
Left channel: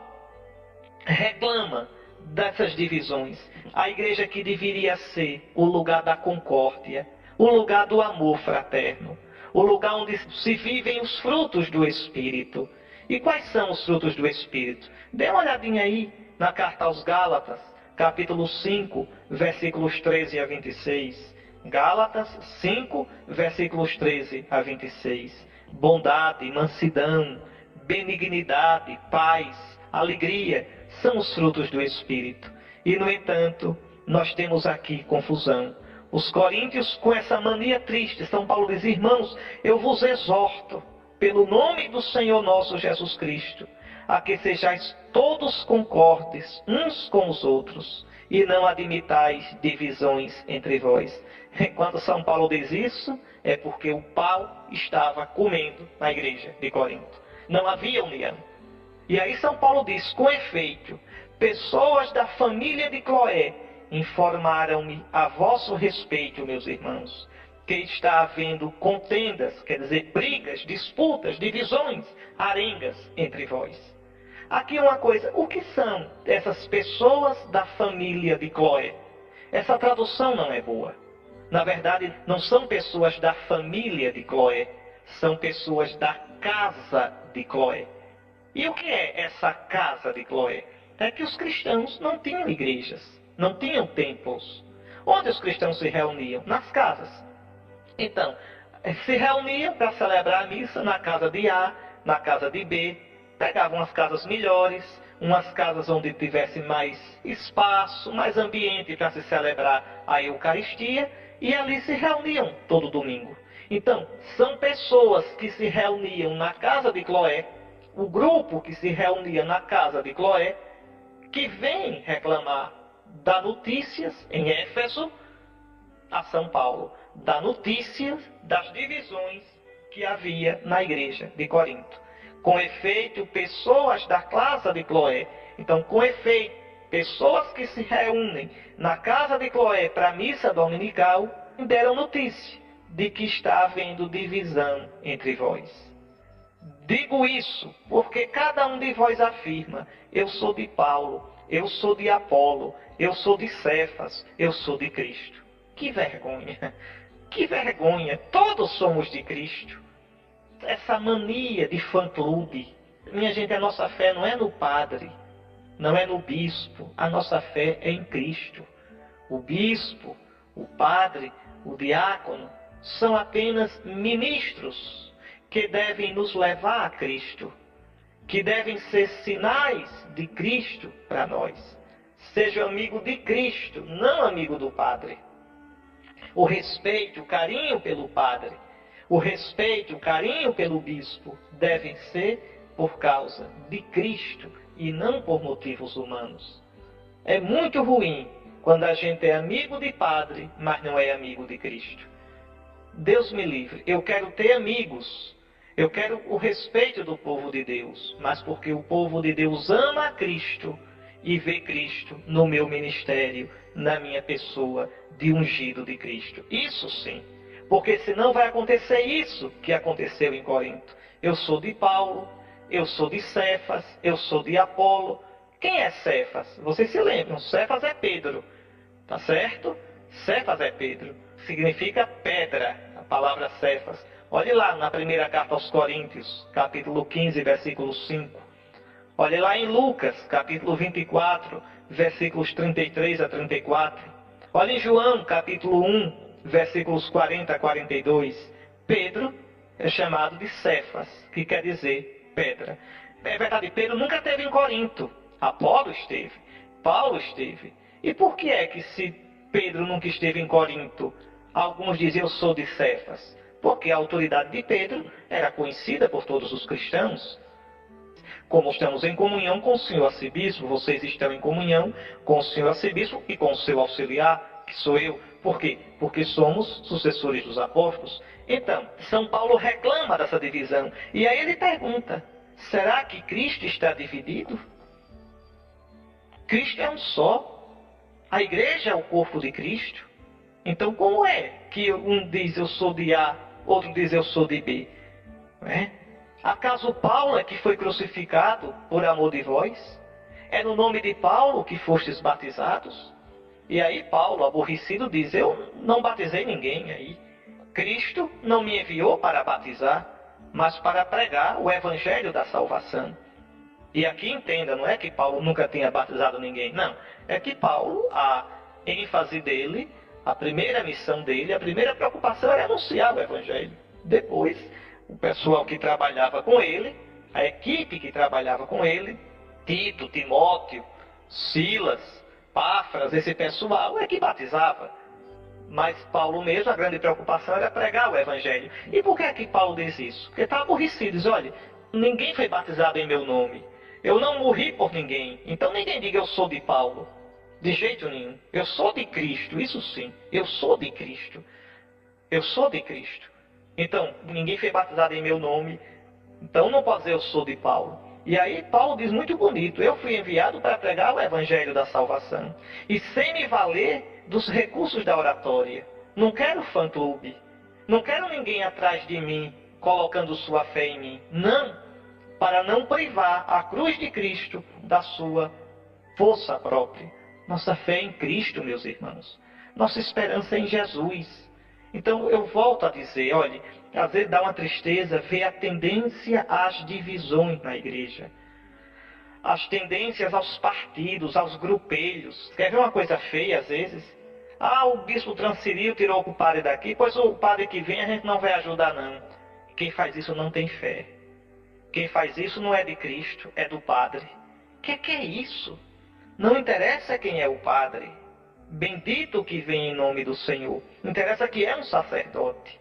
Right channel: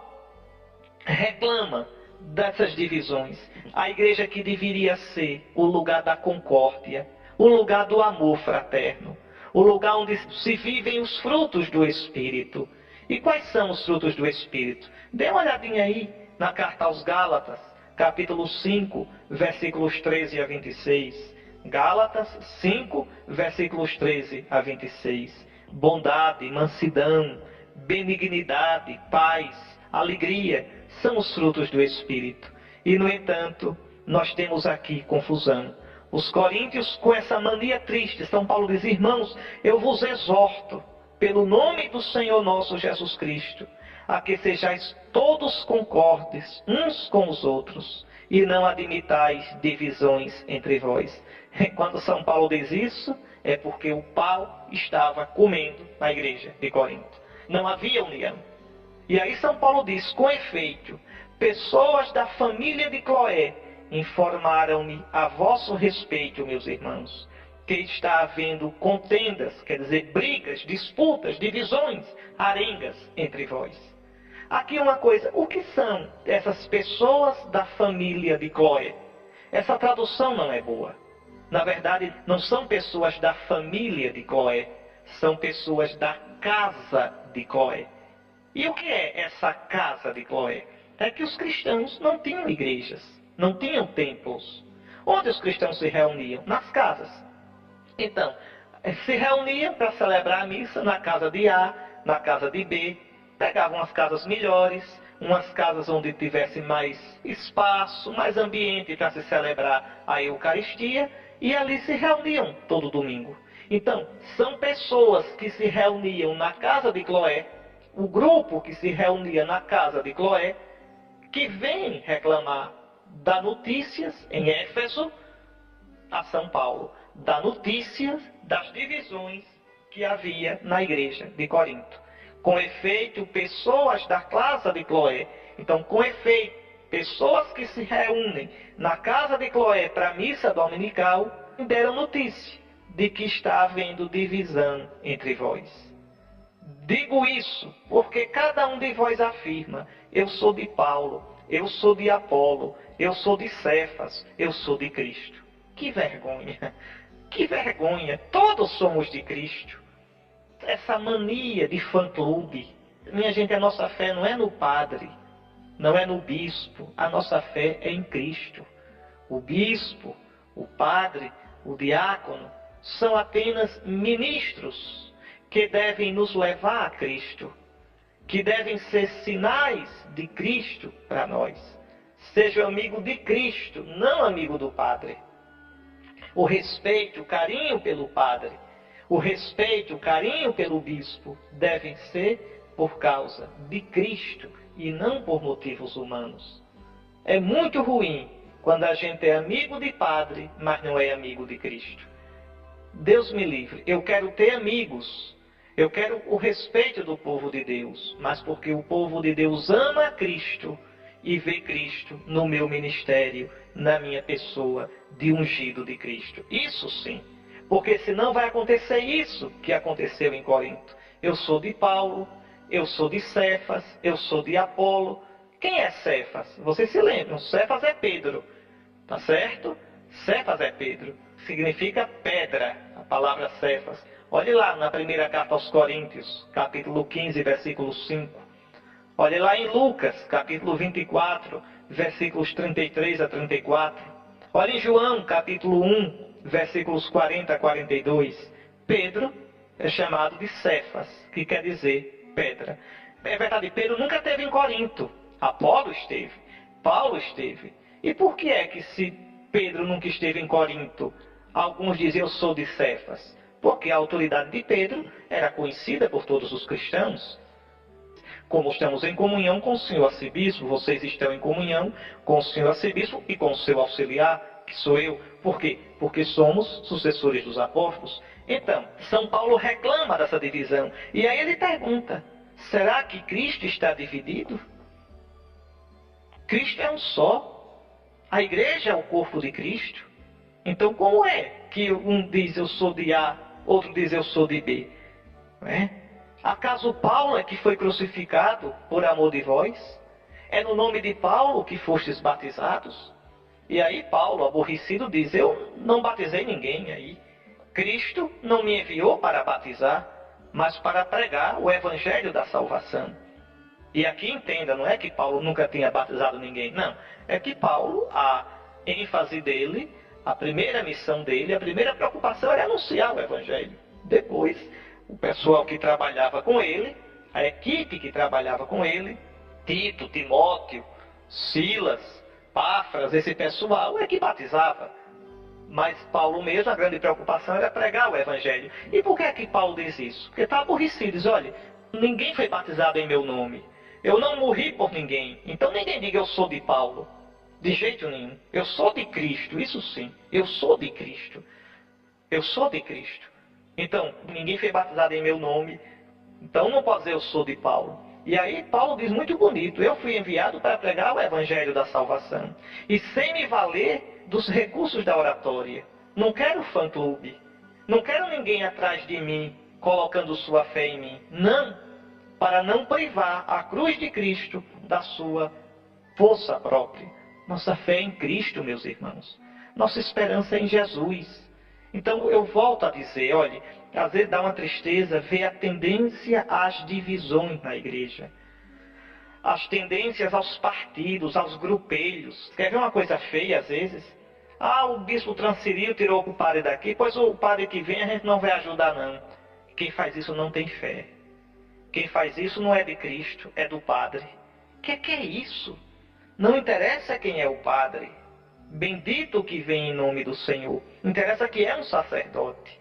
reclama dessas divisões. A igreja que deveria ser o lugar da concórdia, o lugar do amor fraterno, o lugar onde se vivem os frutos do Espírito. E quais são os frutos do Espírito? Dê uma olhadinha aí na carta aos Gálatas, capítulo 5, versículos 13 a 26. Gálatas 5, versículos 13 a 26. Bondade, mansidão, benignidade, paz, alegria, são os frutos do Espírito. E, no entanto, nós temos aqui confusão. Os coríntios, com essa mania triste, São Paulo diz: irmãos, eu vos exorto, pelo nome do Senhor nosso Jesus Cristo, a que sejais todos concordes uns com os outros, e não admitais divisões entre vós. Enquanto São Paulo diz isso, é porque o pau estava comendo na igreja de Corinto. Não havia união. E aí São Paulo diz: com efeito, pessoas da família de Cloé informaram-me a vosso respeito, meus irmãos, que está havendo contendas, quer dizer, brigas, disputas, divisões, arengas entre vós. Aqui uma coisa: o que são essas pessoas da família de Cloé? Essa tradução não é boa. Na verdade, não são pessoas da família de Cloé, são pessoas da casa de Cloé. E o que é essa casa de Cloé? É que os cristãos não tinham igrejas, não tinham templos. Onde os cristãos se reuniam? Nas casas. Então, se reuniam para celebrar a missa na casa de A, na casa de B, pegavam as casas melhores, umas casas onde tivesse mais espaço, mais ambiente para se celebrar a Eucaristia, e ali se reuniam todo domingo. Então, são pessoas que se reuniam na casa de Cloé, o grupo que se reunia na casa de Cloé, que vem reclamar, dá notícias em Éfeso a São Paulo, dá notícias das divisões que havia na igreja de Corinto. Com efeito, pessoas da casa de Cloé, então, com efeito, pessoas que se reúnem na casa de Cloé para a missa dominical, deram notícia de que está havendo divisão entre vós. Digo isso porque cada um de vós afirma: eu sou de Paulo, eu sou de Apolo, eu sou de Cefas, eu sou de Cristo. Que vergonha! Que vergonha! Todos somos de Cristo. Essa mania de fã-clube. Minha gente, a nossa fé não é no padre, não é no bispo. A nossa fé é em Cristo. O bispo, o padre, o diácono são apenas ministros que devem nos levar a Cristo, que devem ser sinais de Cristo para nós. Seja amigo de Cristo, não amigo do padre. O respeito, o carinho pelo padre, o respeito, o carinho pelo bispo devem ser por causa de Cristo e não por motivos humanos. É muito ruim quando a gente é amigo de padre, mas não é amigo de Cristo. Deus me livre. Eu quero ter amigos. Eu quero o respeito do povo de Deus, mas porque o povo de Deus ama a Cristo e vê Cristo no meu ministério, na minha pessoa de ungido de Cristo. Isso sim, porque senão vai acontecer isso que aconteceu em Corinto. Eu sou de Paulo, eu sou de Cefas, eu sou de Apolo. Quem é Cefas? Vocês se lembram, Cefas é Pedro, tá certo? Cefas é Pedro, significa pedra, a palavra Cefas. Olhe lá na primeira carta aos Coríntios, capítulo 15, versículo 5. Olhe lá em Lucas, capítulo 24, versículos 33 a 34. Olhe em João, capítulo 1, versículos 40 a 42. Pedro é chamado de Cefas, que quer dizer pedra. É verdade, Pedro nunca esteve em Corinto. Apolo esteve, Paulo esteve. E por que é que se Pedro nunca esteve em Corinto, alguns dizem eu sou de Cefas? Porque a autoridade de Pedro era conhecida por todos os cristãos. Como estamos em comunhão com o senhor arcebispo, vocês estão em comunhão com o senhor arcebispo e com o seu auxiliar, que sou eu. Por quê? Porque somos sucessores dos apóstolos. Então, São Paulo reclama dessa divisão. E aí ele pergunta: será que Cristo está dividido? Cristo é um só. A igreja é o corpo de Cristo. Então, como é que um diz eu sou de A, outro diz eu sou de B? Não é? Acaso Paulo é que foi crucificado por amor de vós? É no nome de Paulo que fostes batizados? E aí Paulo, aborrecido, diz, eu não batizei ninguém aí. Cristo não me enviou para batizar, mas para pregar o evangelho da salvação. E aqui entenda, não é que Paulo nunca tenha batizado ninguém, não. É que Paulo, a ênfase dele, a primeira missão dele, a primeira preocupação era anunciar o evangelho. Depois, o pessoal que trabalhava com ele, a equipe que trabalhava com ele, Tito, Timóteo, Silas, Páfras, esse pessoal é que batizava. Mas Paulo mesmo, a grande preocupação era pregar o evangelho. E por que é que Paulo diz isso? Porque está aborrecido, diz, olha, ninguém foi batizado em meu nome. Eu não morri por ninguém. Então ninguém diga eu sou de Paulo. De jeito nenhum. Eu sou de Cristo, isso sim. Eu sou de Cristo. Eu sou de Cristo. Então, ninguém foi batizado em meu nome. Então não pode dizer eu sou de Paulo. E aí Paulo diz muito bonito, eu fui enviado para pregar o evangelho da salvação. E sem me valer dos recursos da oratória. Não quero fã-clube. Não quero ninguém atrás de mim, colocando sua fé em mim. Não, para não privar a cruz de Cristo da sua força própria. Nossa fé é em Cristo, meus irmãos. Nossa esperança é em Jesus. Então eu volto a dizer, olhe, às vezes dá uma tristeza ver a tendência às divisões na igreja. As tendências aos partidos, aos grupelhos. Quer ver uma coisa feia às vezes? Ah, o bispo transferiu, tirou o padre daqui, pois o padre que vem a gente não vai ajudar não. Quem faz isso não tem fé. Quem faz isso não é de Cristo, é do padre. Que é isso? Não interessa quem é o padre. Bendito que vem em nome do Senhor. Não interessa que é um sacerdote.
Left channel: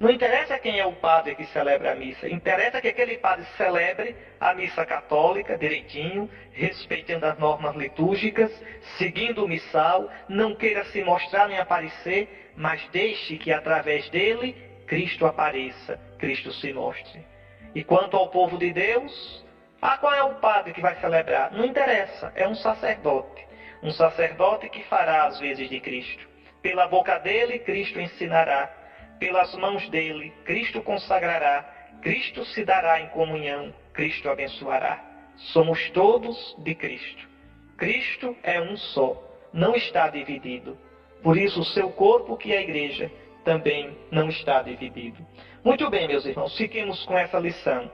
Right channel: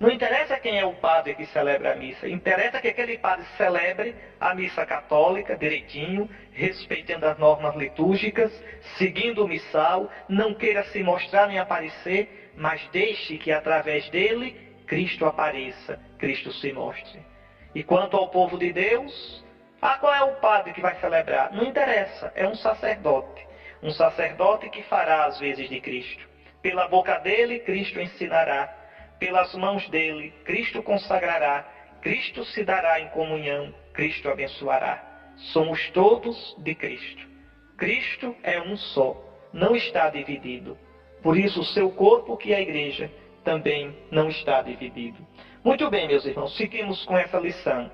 Não interessa quem é o padre que celebra a missa. Interessa que aquele padre celebre a missa católica direitinho, respeitando as normas litúrgicas, seguindo o missal, não queira se mostrar nem aparecer, mas deixe que através dele Cristo apareça, Cristo se mostre. E quanto ao povo de Deus, qual é o padre que vai celebrar? Não interessa, é um sacerdote. Um sacerdote que fará as vezes de Cristo. Pela boca dele, Cristo ensinará. Pelas mãos dele, Cristo consagrará. Cristo se dará em comunhão. Cristo abençoará. Somos todos de Cristo. Cristo é um só, não está dividido. Por isso, o seu corpo, que é a igreja, também não está dividido. Muito bem, meus irmãos, fiquemos com essa lição.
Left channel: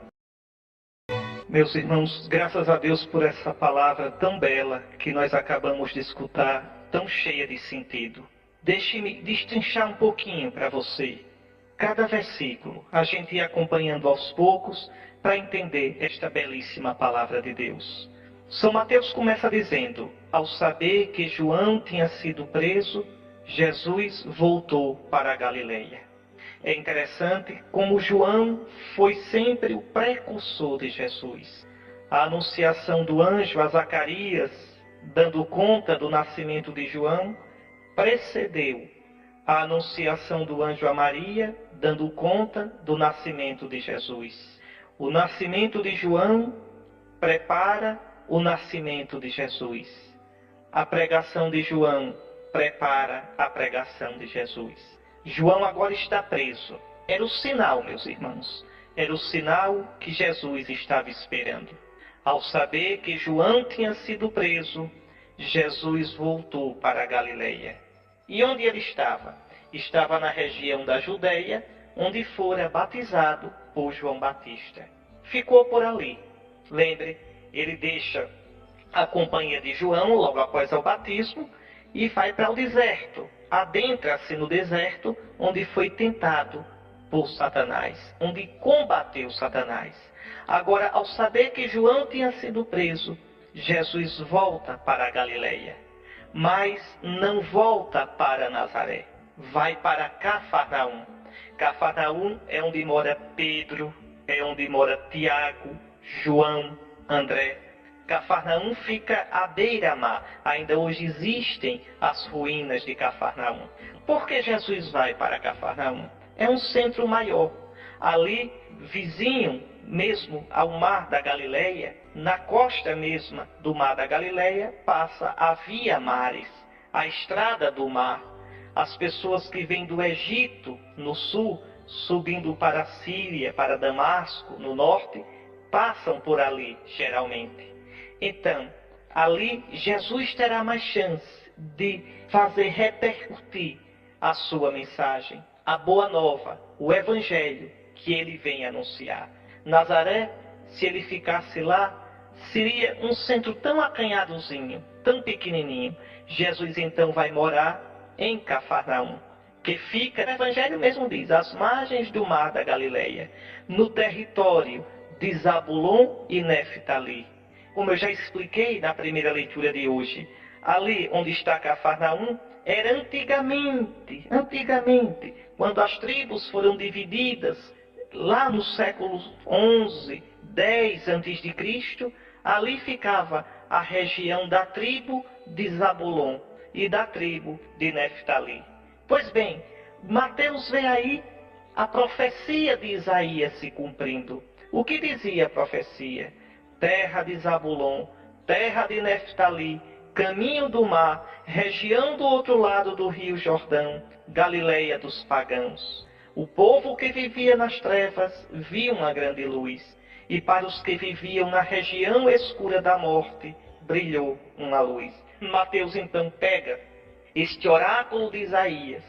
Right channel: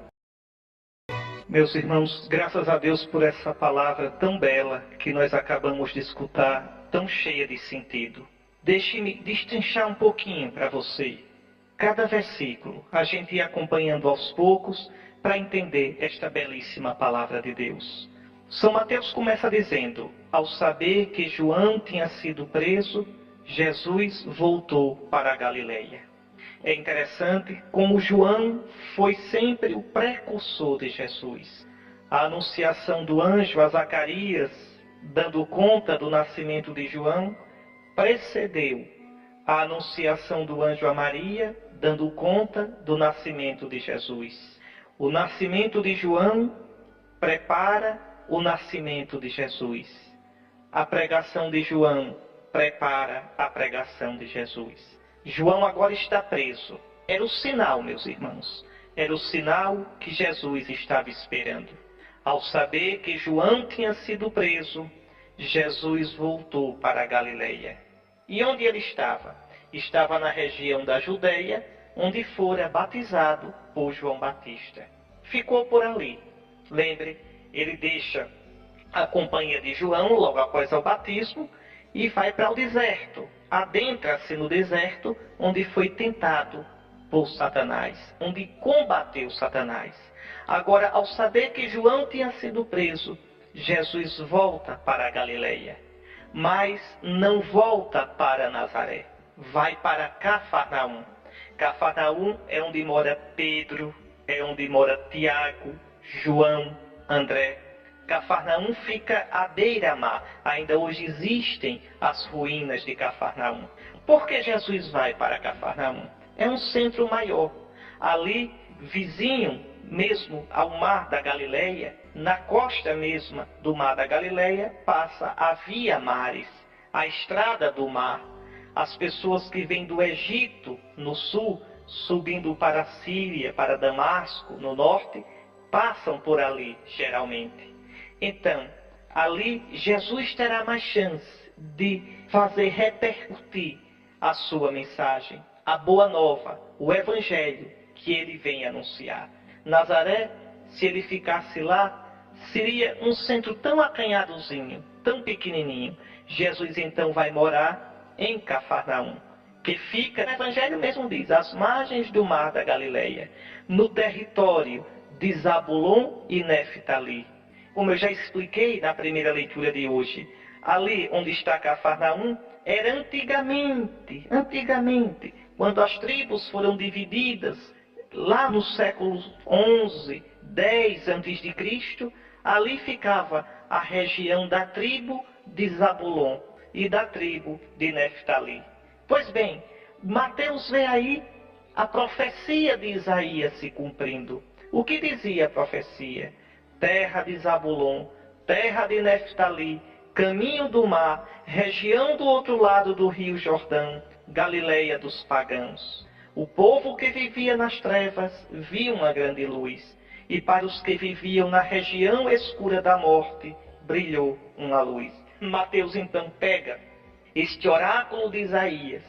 Meus irmãos, graças a Deus por essa palavra tão bela que nós acabamos de escutar, tão cheia de sentido. Deixe-me destrinchar um pouquinho para você. Cada versículo, a gente ir acompanhando aos poucos para entender esta belíssima palavra de Deus. São Mateus começa dizendo, ao saber que João tinha sido preso, Jesus voltou para a Galileia. É interessante como João foi sempre o precursor de Jesus. A anunciação do anjo a Zacarias, dando conta do nascimento de João, precedeu a anunciação do anjo a Maria, dando conta do nascimento de Jesus. O nascimento de João prepara o nascimento de Jesus. A pregação de João prepara a pregação de Jesus. João agora está preso. Era o sinal, meus irmãos. Era o sinal que Jesus estava esperando. Ao saber que João tinha sido preso, Jesus voltou para a Galileia. E onde ele estava? Estava na região da Judeia, onde fora batizado por João Batista. Ficou por ali. Lembre, ele deixa a companhia de João logo após o batismo e vai para o deserto. Adentra-se no deserto, onde foi tentado por Satanás, onde combateu Satanás. Agora, ao saber que João tinha sido preso, Jesus volta para a Galileia, mas não volta para Nazaré, vai para Cafarnaum. Cafarnaum é onde mora Pedro, é onde mora Tiago, João, André. Cafarnaum fica à beira-mar. Ainda hoje existem as ruínas de Cafarnaum. Por que Jesus vai para Cafarnaum? É um centro maior. Ali, vizinho mesmo ao mar da Galileia, na costa mesma do mar da Galileia, passa a Via Maris, a estrada do mar. As pessoas que vêm do Egito, no sul, subindo para a Síria, para Damasco, no norte, passam por ali, geralmente. Então, ali Jesus terá mais chance de fazer repercutir a sua mensagem, a boa nova, o evangelho que ele vem anunciar. Nazaré, se ele ficasse lá, seria um centro tão acanhadozinho, tão pequenininho. Jesus então vai morar em Cafarnaum, que fica, o evangelho mesmo diz, às margens do mar da Galileia, no território de Zabulon e Neftali. Como eu já expliquei na primeira leitura de hoje, ali onde está Cafarnaum, era antigamente, quando as tribos foram divididas, lá no século 11, 10 a.C., ali ficava a região da tribo de Zabulon e da tribo de Neftali. Pois bem, Mateus vê aí a profecia de Isaías se cumprindo. O que dizia a profecia? Terra de Zabulon, terra de Neftali, caminho do mar, região do outro lado do rio Jordão, Galileia dos pagãos. O povo que vivia nas trevas viu uma grande luz, e para os que viviam na região escura da morte, brilhou uma luz. Mateus então pega este oráculo de Isaías.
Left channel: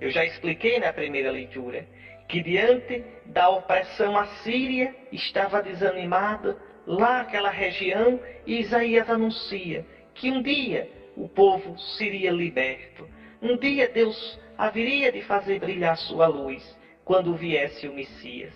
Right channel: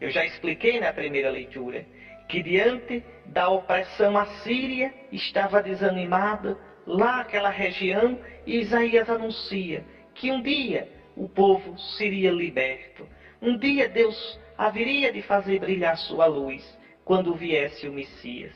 Eu já expliquei na primeira leitura que diante da opressão assíria estava desanimada lá aquela região, e Isaías anuncia que um dia o povo seria liberto. Um dia Deus haveria de fazer brilhar sua luz quando viesse o Messias.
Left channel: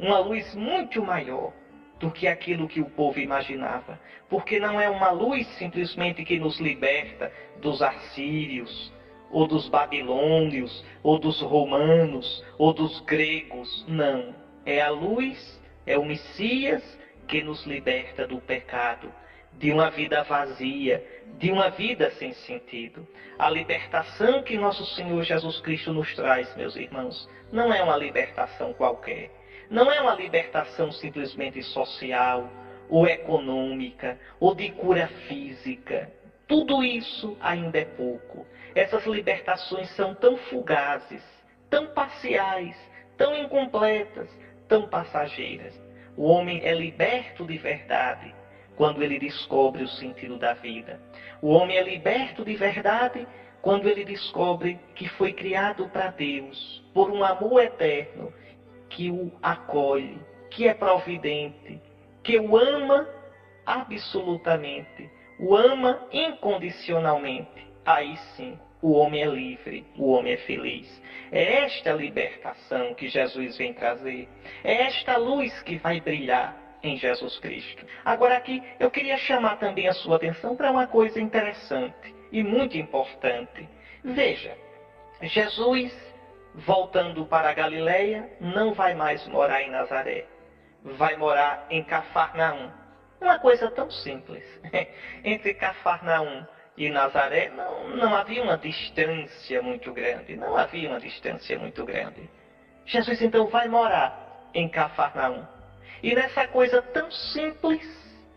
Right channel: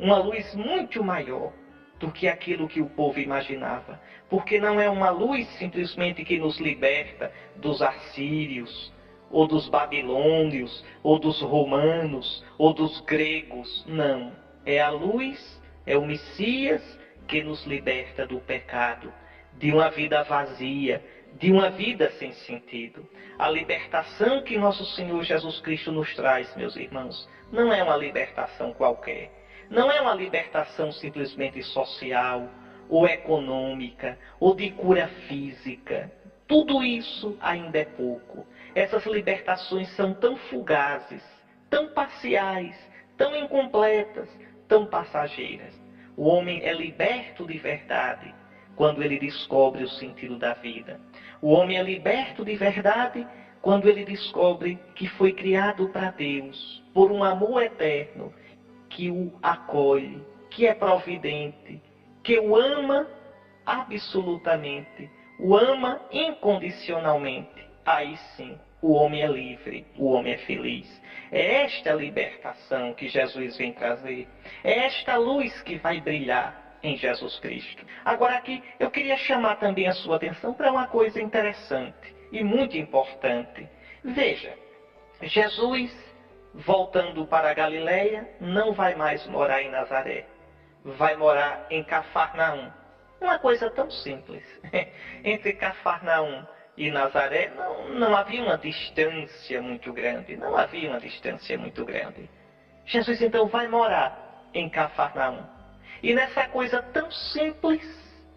Uma luz muito maior do que aquilo que o povo imaginava. Porque não é uma luz simplesmente que nos liberta dos assírios, ou dos babilônios, ou dos romanos, ou dos gregos. Não. É a luz, é o Messias que nos liberta do pecado, de uma vida vazia, de uma vida sem sentido. A libertação que nosso Senhor Jesus Cristo nos traz, meus irmãos, não é uma libertação qualquer. Não é uma libertação simplesmente social, ou econômica, ou de cura física. Tudo isso ainda é pouco. Essas libertações são tão fugazes, tão parciais, tão incompletas, tão passageiras. O homem é liberto de verdade quando ele descobre o sentido da vida. O homem é liberto de verdade quando ele descobre que foi criado para Deus, por um amor eterno, que o acolhe, que é providente, que o ama absolutamente, o ama incondicionalmente. Aí sim, o homem é livre, o homem é feliz. É esta libertação que Jesus vem trazer. É esta luz que vai brilhar em Jesus Cristo. Agora aqui, eu queria chamar também a sua atenção para uma coisa interessante e muito importante. Veja, Jesus, voltando para a Galileia, não vai mais morar em Nazaré. Vai morar em Cafarnaum. Uma coisa tão simples. Entre Cafarnaum e Nazaré não havia uma distância muito grande. Não havia uma distância muito grande. Jesus então vai morar em Cafarnaum. E nessa coisa tão simples,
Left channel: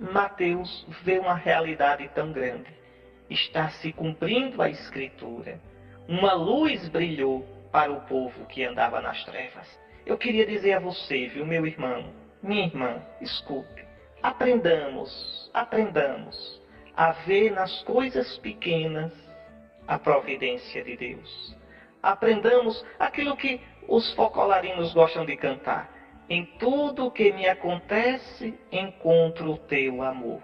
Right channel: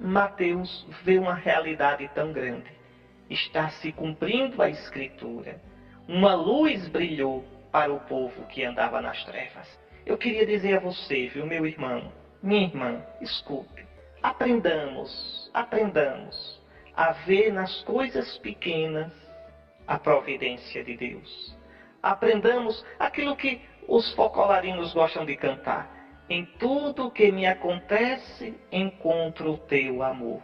Mateus vê uma realidade tão grande. Está se cumprindo a Escritura. Uma luz brilhou para o povo que andava nas trevas. Eu queria dizer a você, viu, meu irmão, minha irmã, escute. Aprendamos a ver nas coisas pequenas a providência de Deus. Aprendamos aquilo que os focolarinos gostam de cantar. Em tudo que me acontece, encontro o teu amor.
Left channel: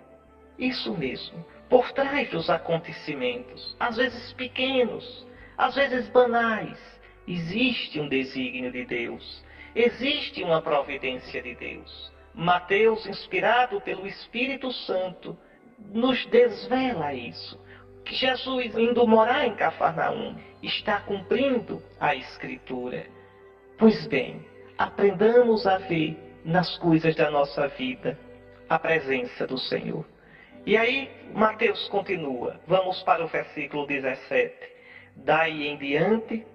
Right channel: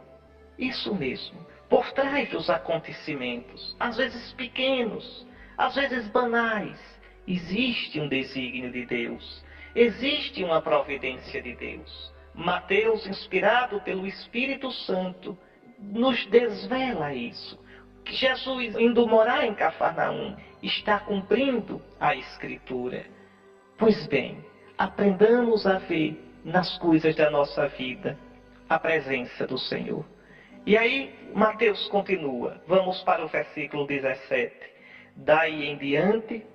Isso mesmo. Por trás dos acontecimentos, às vezes pequenos, às vezes banais, existe um desígnio de Deus. Existe uma providência de Deus. Mateus, inspirado pelo Espírito Santo, nos desvela isso. Que Jesus, indo morar em Cafarnaum, está cumprindo a Escritura. Pois bem, aprendamos a ver nas coisas da nossa vida a presença do Senhor. E aí, Mateus continua. Vamos para o versículo 17. Daí em diante,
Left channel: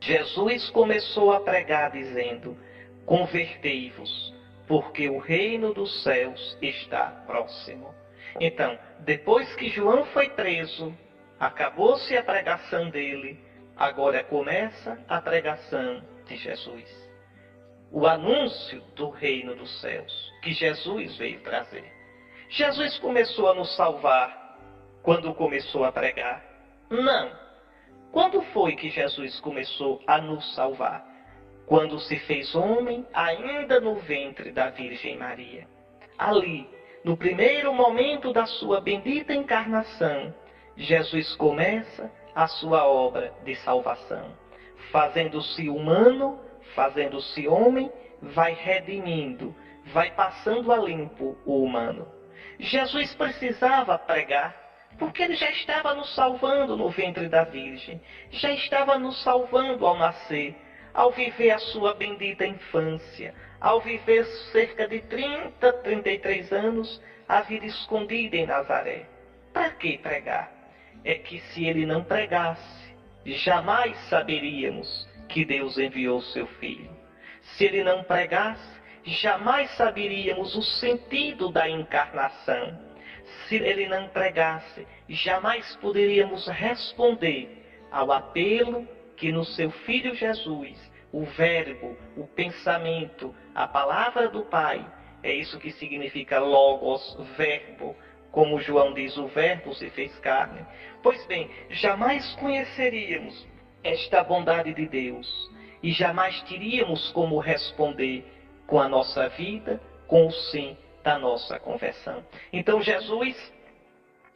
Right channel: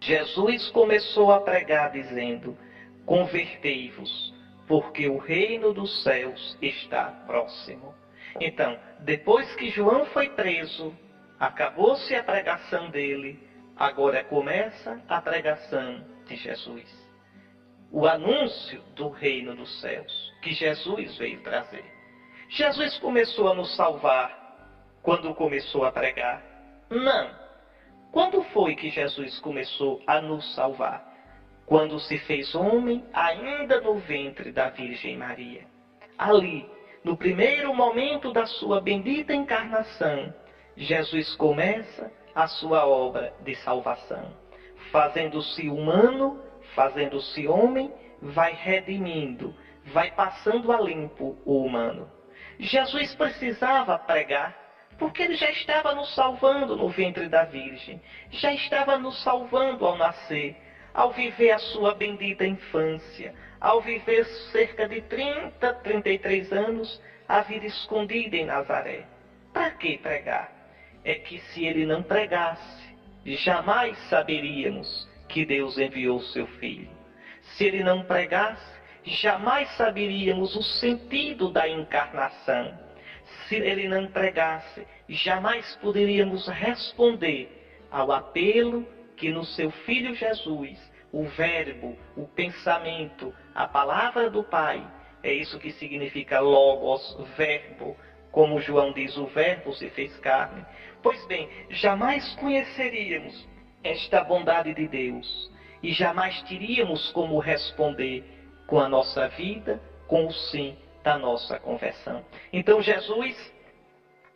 Jesus começou a pregar dizendo: convertei-vos, porque o reino dos céus está próximo. Então, depois que João foi preso, Acabou-se a pregação dele, agora começa a pregação de Jesus. O anúncio do reino dos céus que Jesus veio trazer. Jesus começou a nos salvar quando começou a pregar? Não. Quando foi que Jesus começou a nos salvar? Quando se fez homem, ainda no ventre da Virgem Maria. Ali, no primeiro momento da sua bendita encarnação, Jesus começa a sua obra de salvação. Fazendo-se humano, fazendo-se homem, vai redimindo, vai passando a limpo o humano. Jesus precisava pregar, porque ele já estava nos salvando no ventre da Virgem, já estava nos salvando ao nascer, ao viver a sua bendita infância, ao viver cerca de 33 anos, a vida escondida em Nazaré. Para que pregar? É que se ele não pregasse, jamais saberíamos que Deus enviou seu Filho. Se ele não pregasse, jamais saberíamos o sentido da encarnação. Se ele não pregasse, jamais poderíamos responder ao apelo que no seu Filho Jesus, o verbo, o pensamento, a palavra do Pai, é isso que significa logos, verbo, como João diz, o verbo se fez carne. Pois bem, jamais conheceríamos esta bondade de Deus e jamais teríamos como responder com a nossa vida, com o sim da nossa conversão. Então Jesus,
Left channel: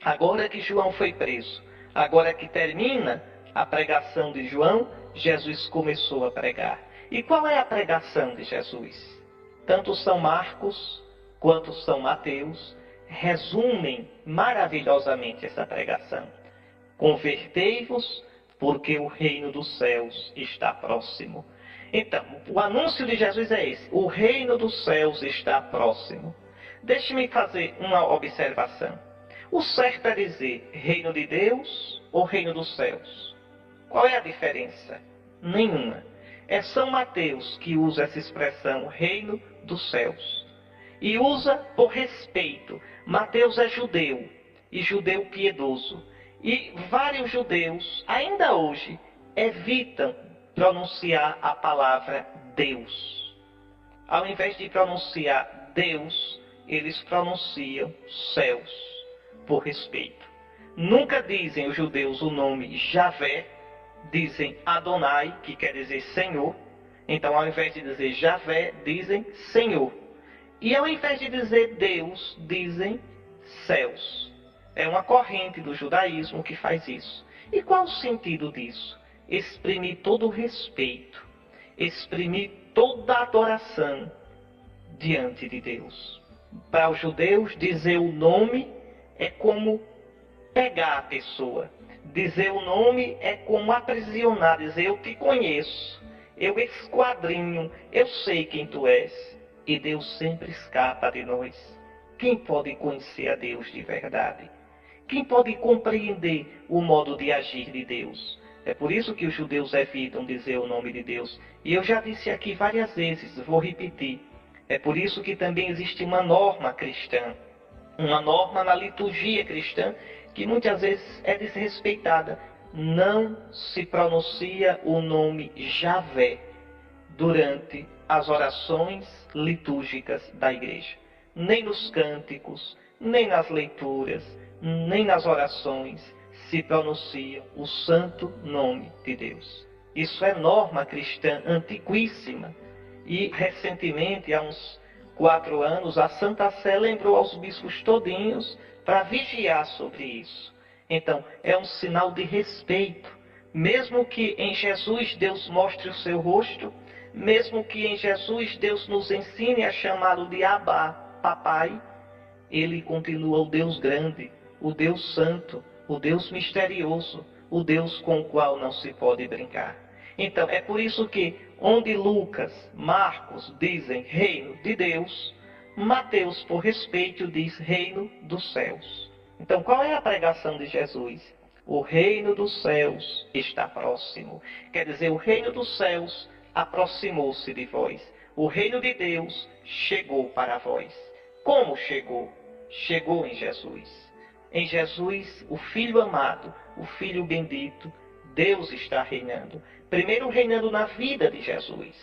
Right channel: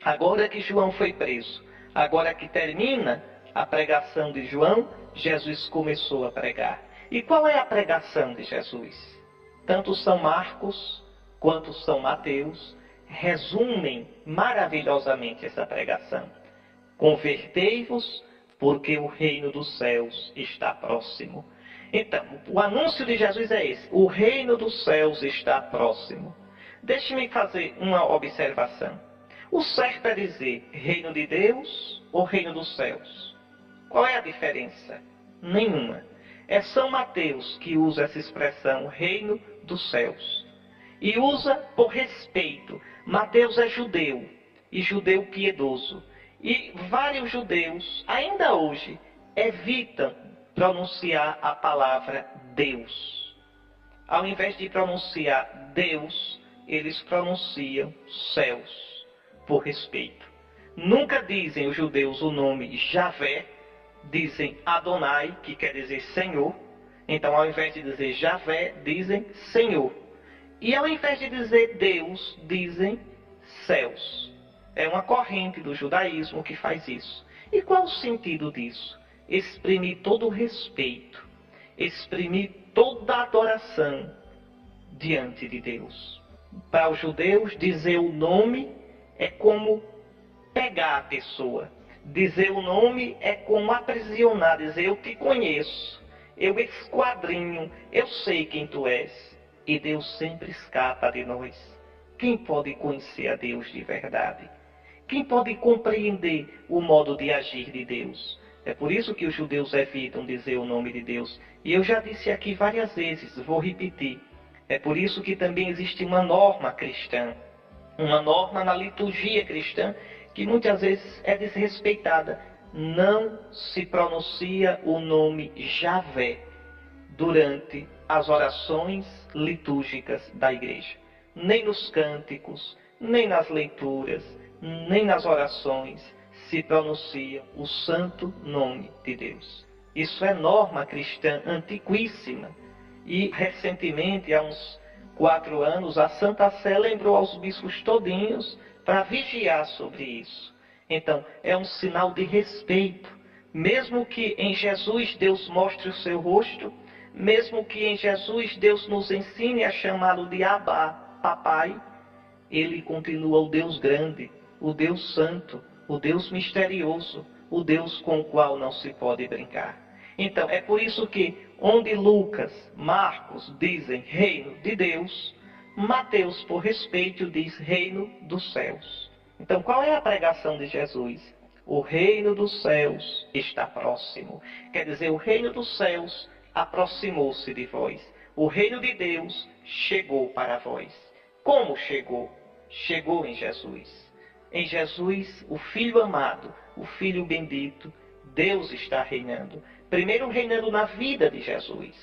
agora que João foi preso, agora que termina a pregação de João, Jesus começou a pregar. E qual é a pregação de Jesus? Tanto São Marcos quanto São Mateus resumem maravilhosamente essa pregação. Convertei-vos, porque o reino dos céus está próximo. Então, o anúncio de Jesus é esse: o reino dos céus está próximo. Deixe-me fazer uma observação. O certo é dizer reino de Deus ou reino dos céus? Qual é a diferença? Nenhuma. É São Mateus que usa essa expressão reino dos céus. E usa por respeito. Mateus é judeu, e judeu piedoso. E vários judeus, ainda hoje, evitam pronunciar a palavra Deus. Ao invés de pronunciar Deus, eles pronunciam céus, por respeito. Nunca dizem os judeus o nome Javé, dizem Adonai, que quer dizer Senhor. Então, ao invés de dizer Javé, dizem Senhor. E ao invés de dizer Deus, dizem céus. É uma corrente do judaísmo que faz isso. E qual o sentido disso? Exprimir todo o respeito, exprimir toda a adoração diante de Deus. Para os judeus, dizer o nome é como pegar a pessoa. Dizer o nome é como aprisionar, dizer eu te conheço, eu esquadrinho, eu sei quem tu és. E Deus sempre escapa de nós. Quem pode conhecer a Deus de verdade? Quem pode compreender o modo de agir de Deus? É por isso que os judeus evitam dizer o nome de Deus. E eu já disse aqui várias vezes, vou repetir. É por isso que também existe uma norma cristã, uma norma na liturgia cristã, que muitas vezes é desrespeitada. Não se pronuncia o nome Javé durante as orações litúrgicas da igreja. Nem nos cânticos, nem nas leituras, nem nas orações se pronuncia o santo nome de Deus. Isso é norma cristã antiquíssima. E recentemente, há uns 4 anos, a Santa Sé lembrou aos bispos todinhos para vigiar sobre isso. Então, é um sinal de respeito. Mesmo que em Jesus Deus mostre o seu rosto, mesmo que em Jesus Deus nos ensine a chamá-lo de Abba, papai, ele continua o Deus grande, o Deus santo, o Deus misterioso, o Deus com o qual não se pode brincar. Então, é por isso que onde Lucas, Marcos dizem reino de Deus, Mateus, por respeito, diz reino dos céus. Então, qual é a pregação de Jesus? O reino dos céus está próximo. Quer dizer, o reino dos céus aproximou-se de vós. O reino de Deus chegou para vós. Como chegou? Chegou em Jesus. Em Jesus, o Filho amado, o Filho bendito, Deus está reinando. Primeiro reinando na vida de Jesus.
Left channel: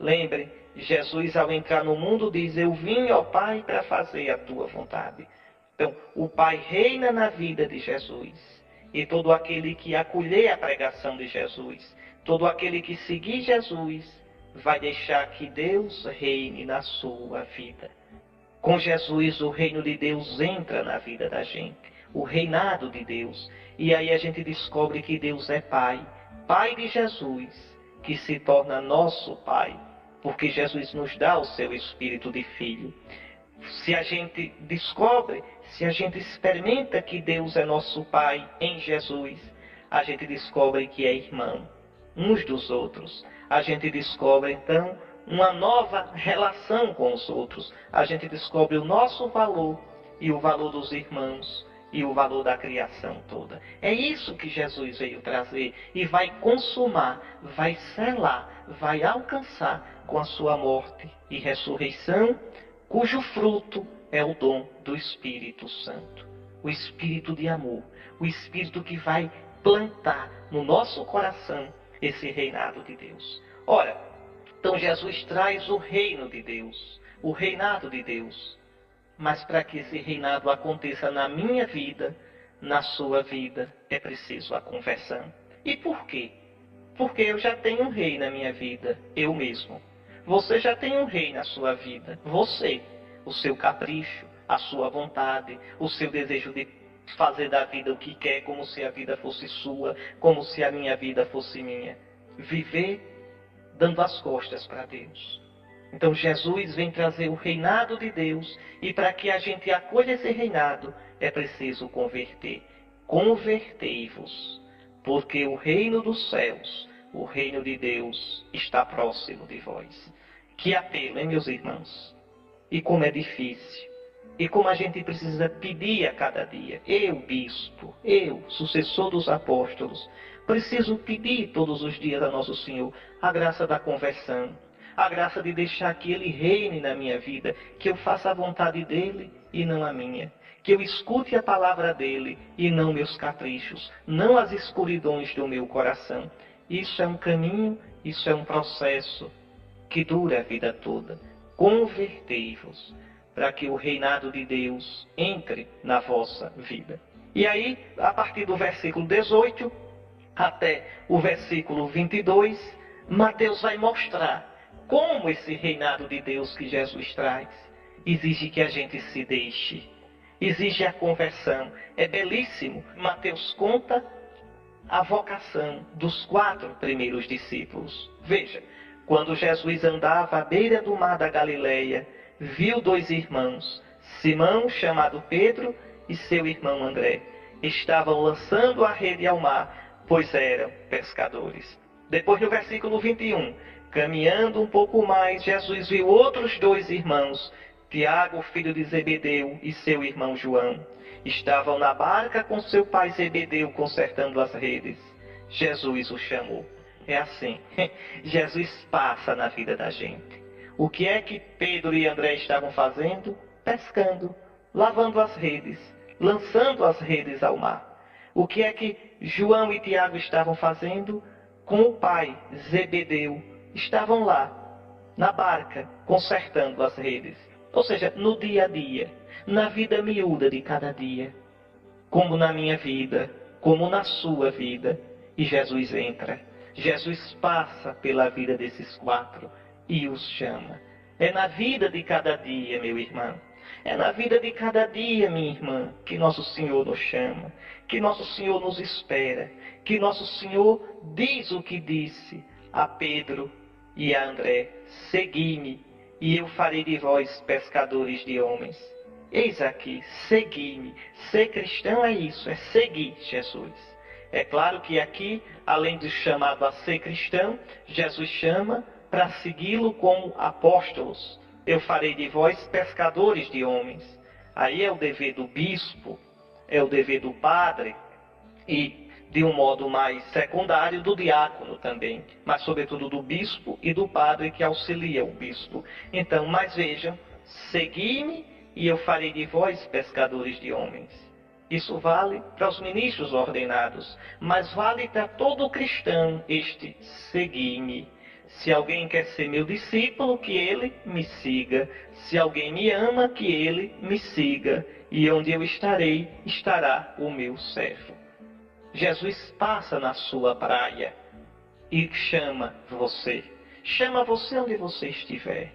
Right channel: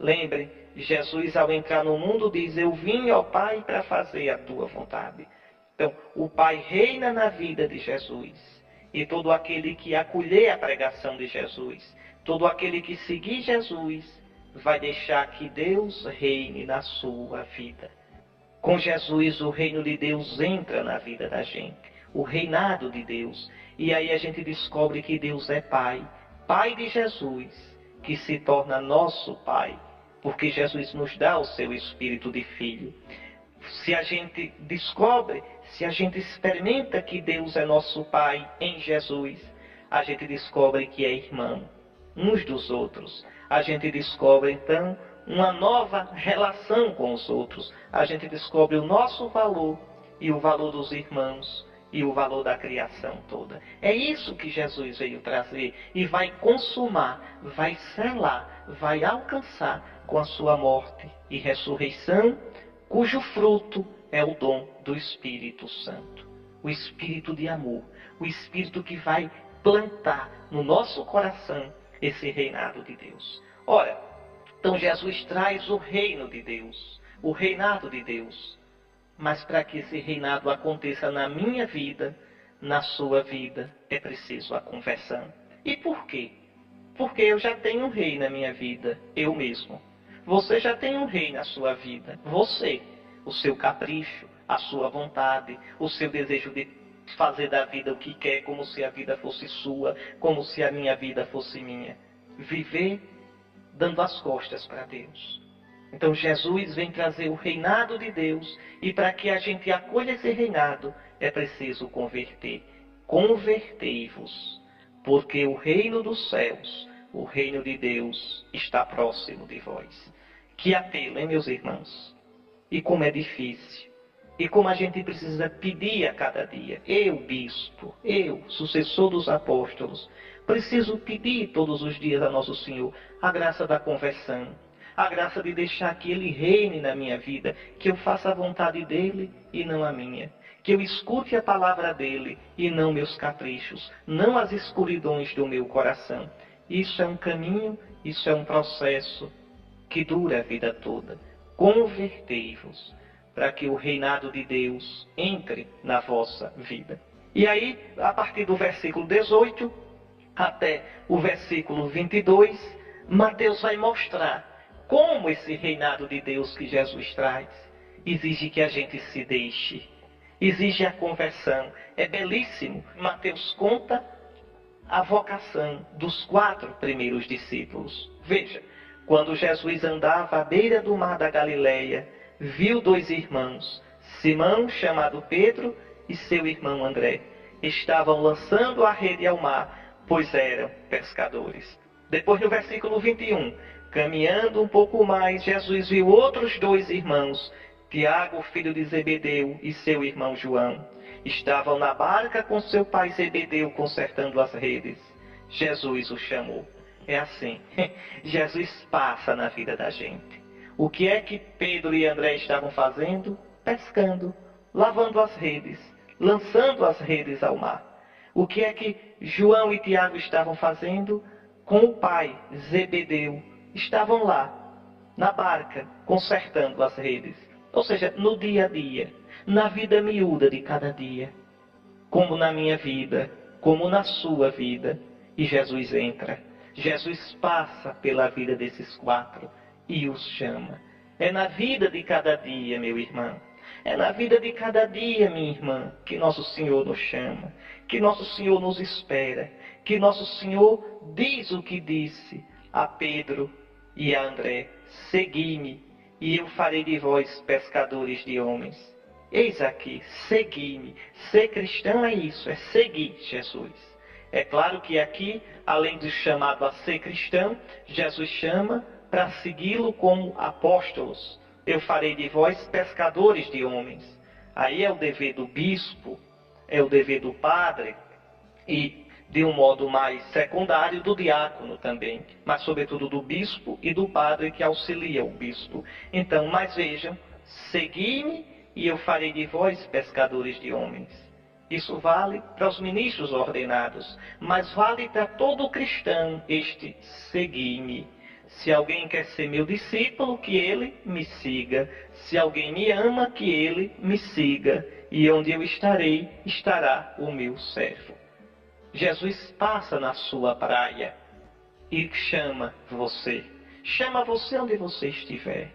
Lembrem, Jesus ao entrar no mundo diz, eu vim, ó Pai, para fazer a tua vontade. Então, o Pai reina na vida de Jesus. E todo aquele que acolher a pregação de Jesus, todo aquele que seguir Jesus, vai deixar que Deus reine na sua vida. Com Jesus, o reino de Deus entra na vida da gente, o reinado de Deus. E aí a gente descobre que Deus é Pai, Pai de Jesus, que se torna nosso Pai, porque Jesus nos dá o seu espírito de filho. Se a gente descobre, se a gente experimenta que Deus é nosso Pai em Jesus, a gente descobre que é irmão uns dos outros. A gente descobre, então, uma nova relação com os outros. A gente descobre o nosso valor e o valor dos irmãos e o valor da criação toda. É isso que Jesus veio trazer e vai consumar, vai selar, vai alcançar com a sua morte e ressurreição, cujo fruto é o dom do Espírito Santo. O Espírito de amor, o Espírito que vai plantar no nosso coração esse reinado de Deus. Ora, então Jesus traz o reino de Deus, o reinado de Deus. Mas para que esse reinado aconteça na minha vida, na sua vida, é preciso a conversão. E por quê? Porque eu já tenho um rei na minha vida, eu mesmo. Você já tem um rei na sua vida, você. O seu capricho, a sua vontade, o seu desejo de fazer da vida o que quer, como se a vida fosse sua, como se a minha vida fosse minha. Viver dando as costas para Deus. Então Jesus vem trazer o reinado de Deus, e para que a gente acolha esse reinado, é preciso converter. Convertei-vos, porque o reino dos céus, o reino de Deus, está próximo de vós. Que apelo, hein, meus irmãos? E como é difícil. E como a gente precisa pedir a cada dia. Eu, bispo, eu, sucessor dos apóstolos, preciso pedir todos os dias a Nosso Senhor a graça da conversão, a graça de deixar que Ele reine na minha vida, que eu faça a vontade dEle e não a minha, que eu escute a palavra dEle e não meus caprichos, não as escuridões do meu coração. Isso é um caminho, isso é um processo que dura a vida toda. Convertei-vos, para que o reinado de Deus entre na vossa vida. E aí, a partir do versículo 18 até o versículo 22, Mateus vai mostrar como esse reinado de Deus que Jesus traz exige que a gente se deixe, exige a conversão. É belíssimo. Mateus conta a vocação dos 4 primeiros discípulos. Veja, quando Jesus andava à beira do mar da Galileia, viu 2 irmãos, Simão, chamado Pedro, e seu irmão André. Estavam lançando a rede ao mar, pois eram pescadores. Depois, no versículo 21, caminhando um pouco mais, Jesus viu outros 2 irmãos, Tiago, filho de Zebedeu, e seu irmão João. Estavam na barca com seu pai Zebedeu, consertando as redes. Jesus os chamou. É assim, Jesus passa na vida da gente. O que é que Pedro e André estavam fazendo? Pescando, lavando as redes, lançando as redes ao mar. O que é que João e Tiago estavam fazendo? Com o pai, Zebedeu, estavam lá, na barca, consertando as redes. Ou seja, no dia a dia, na vida miúda de cada dia. Como na minha vida, como na sua vida. E Jesus entra. Jesus passa pela vida desses 4 e os chama. É na vida de cada dia, meu irmão. É na vida de cada dia, minha irmã, que Nosso Senhor nos chama, que Nosso Senhor nos espera, que Nosso Senhor diz o que disse a Pedro e a André: segui-me, e eu farei de vós pescadores de homens. Eis aqui, segui-me. Ser cristão é isso, é seguir Jesus. É claro que aqui, além do chamado a ser cristão, Jesus chama para segui-lo como apóstolos. Eu farei de vós pescadores de homens. Aí é o dever do bispo, é o dever do padre e, de um modo mais secundário, do diácono também, mas sobretudo do bispo e do padre que auxilia o bispo. Então, mas vejam, segui-me e eu farei de vós pescadores de homens. Isso vale para os ministros ordenados, mas vale para todo cristão este segui-me. Se alguém quer ser meu discípulo, que ele me siga. Se alguém me ama, que ele me siga. E onde eu estarei, estará o meu servo. Jesus passa na sua praia e chama você. Chama você onde você estiver.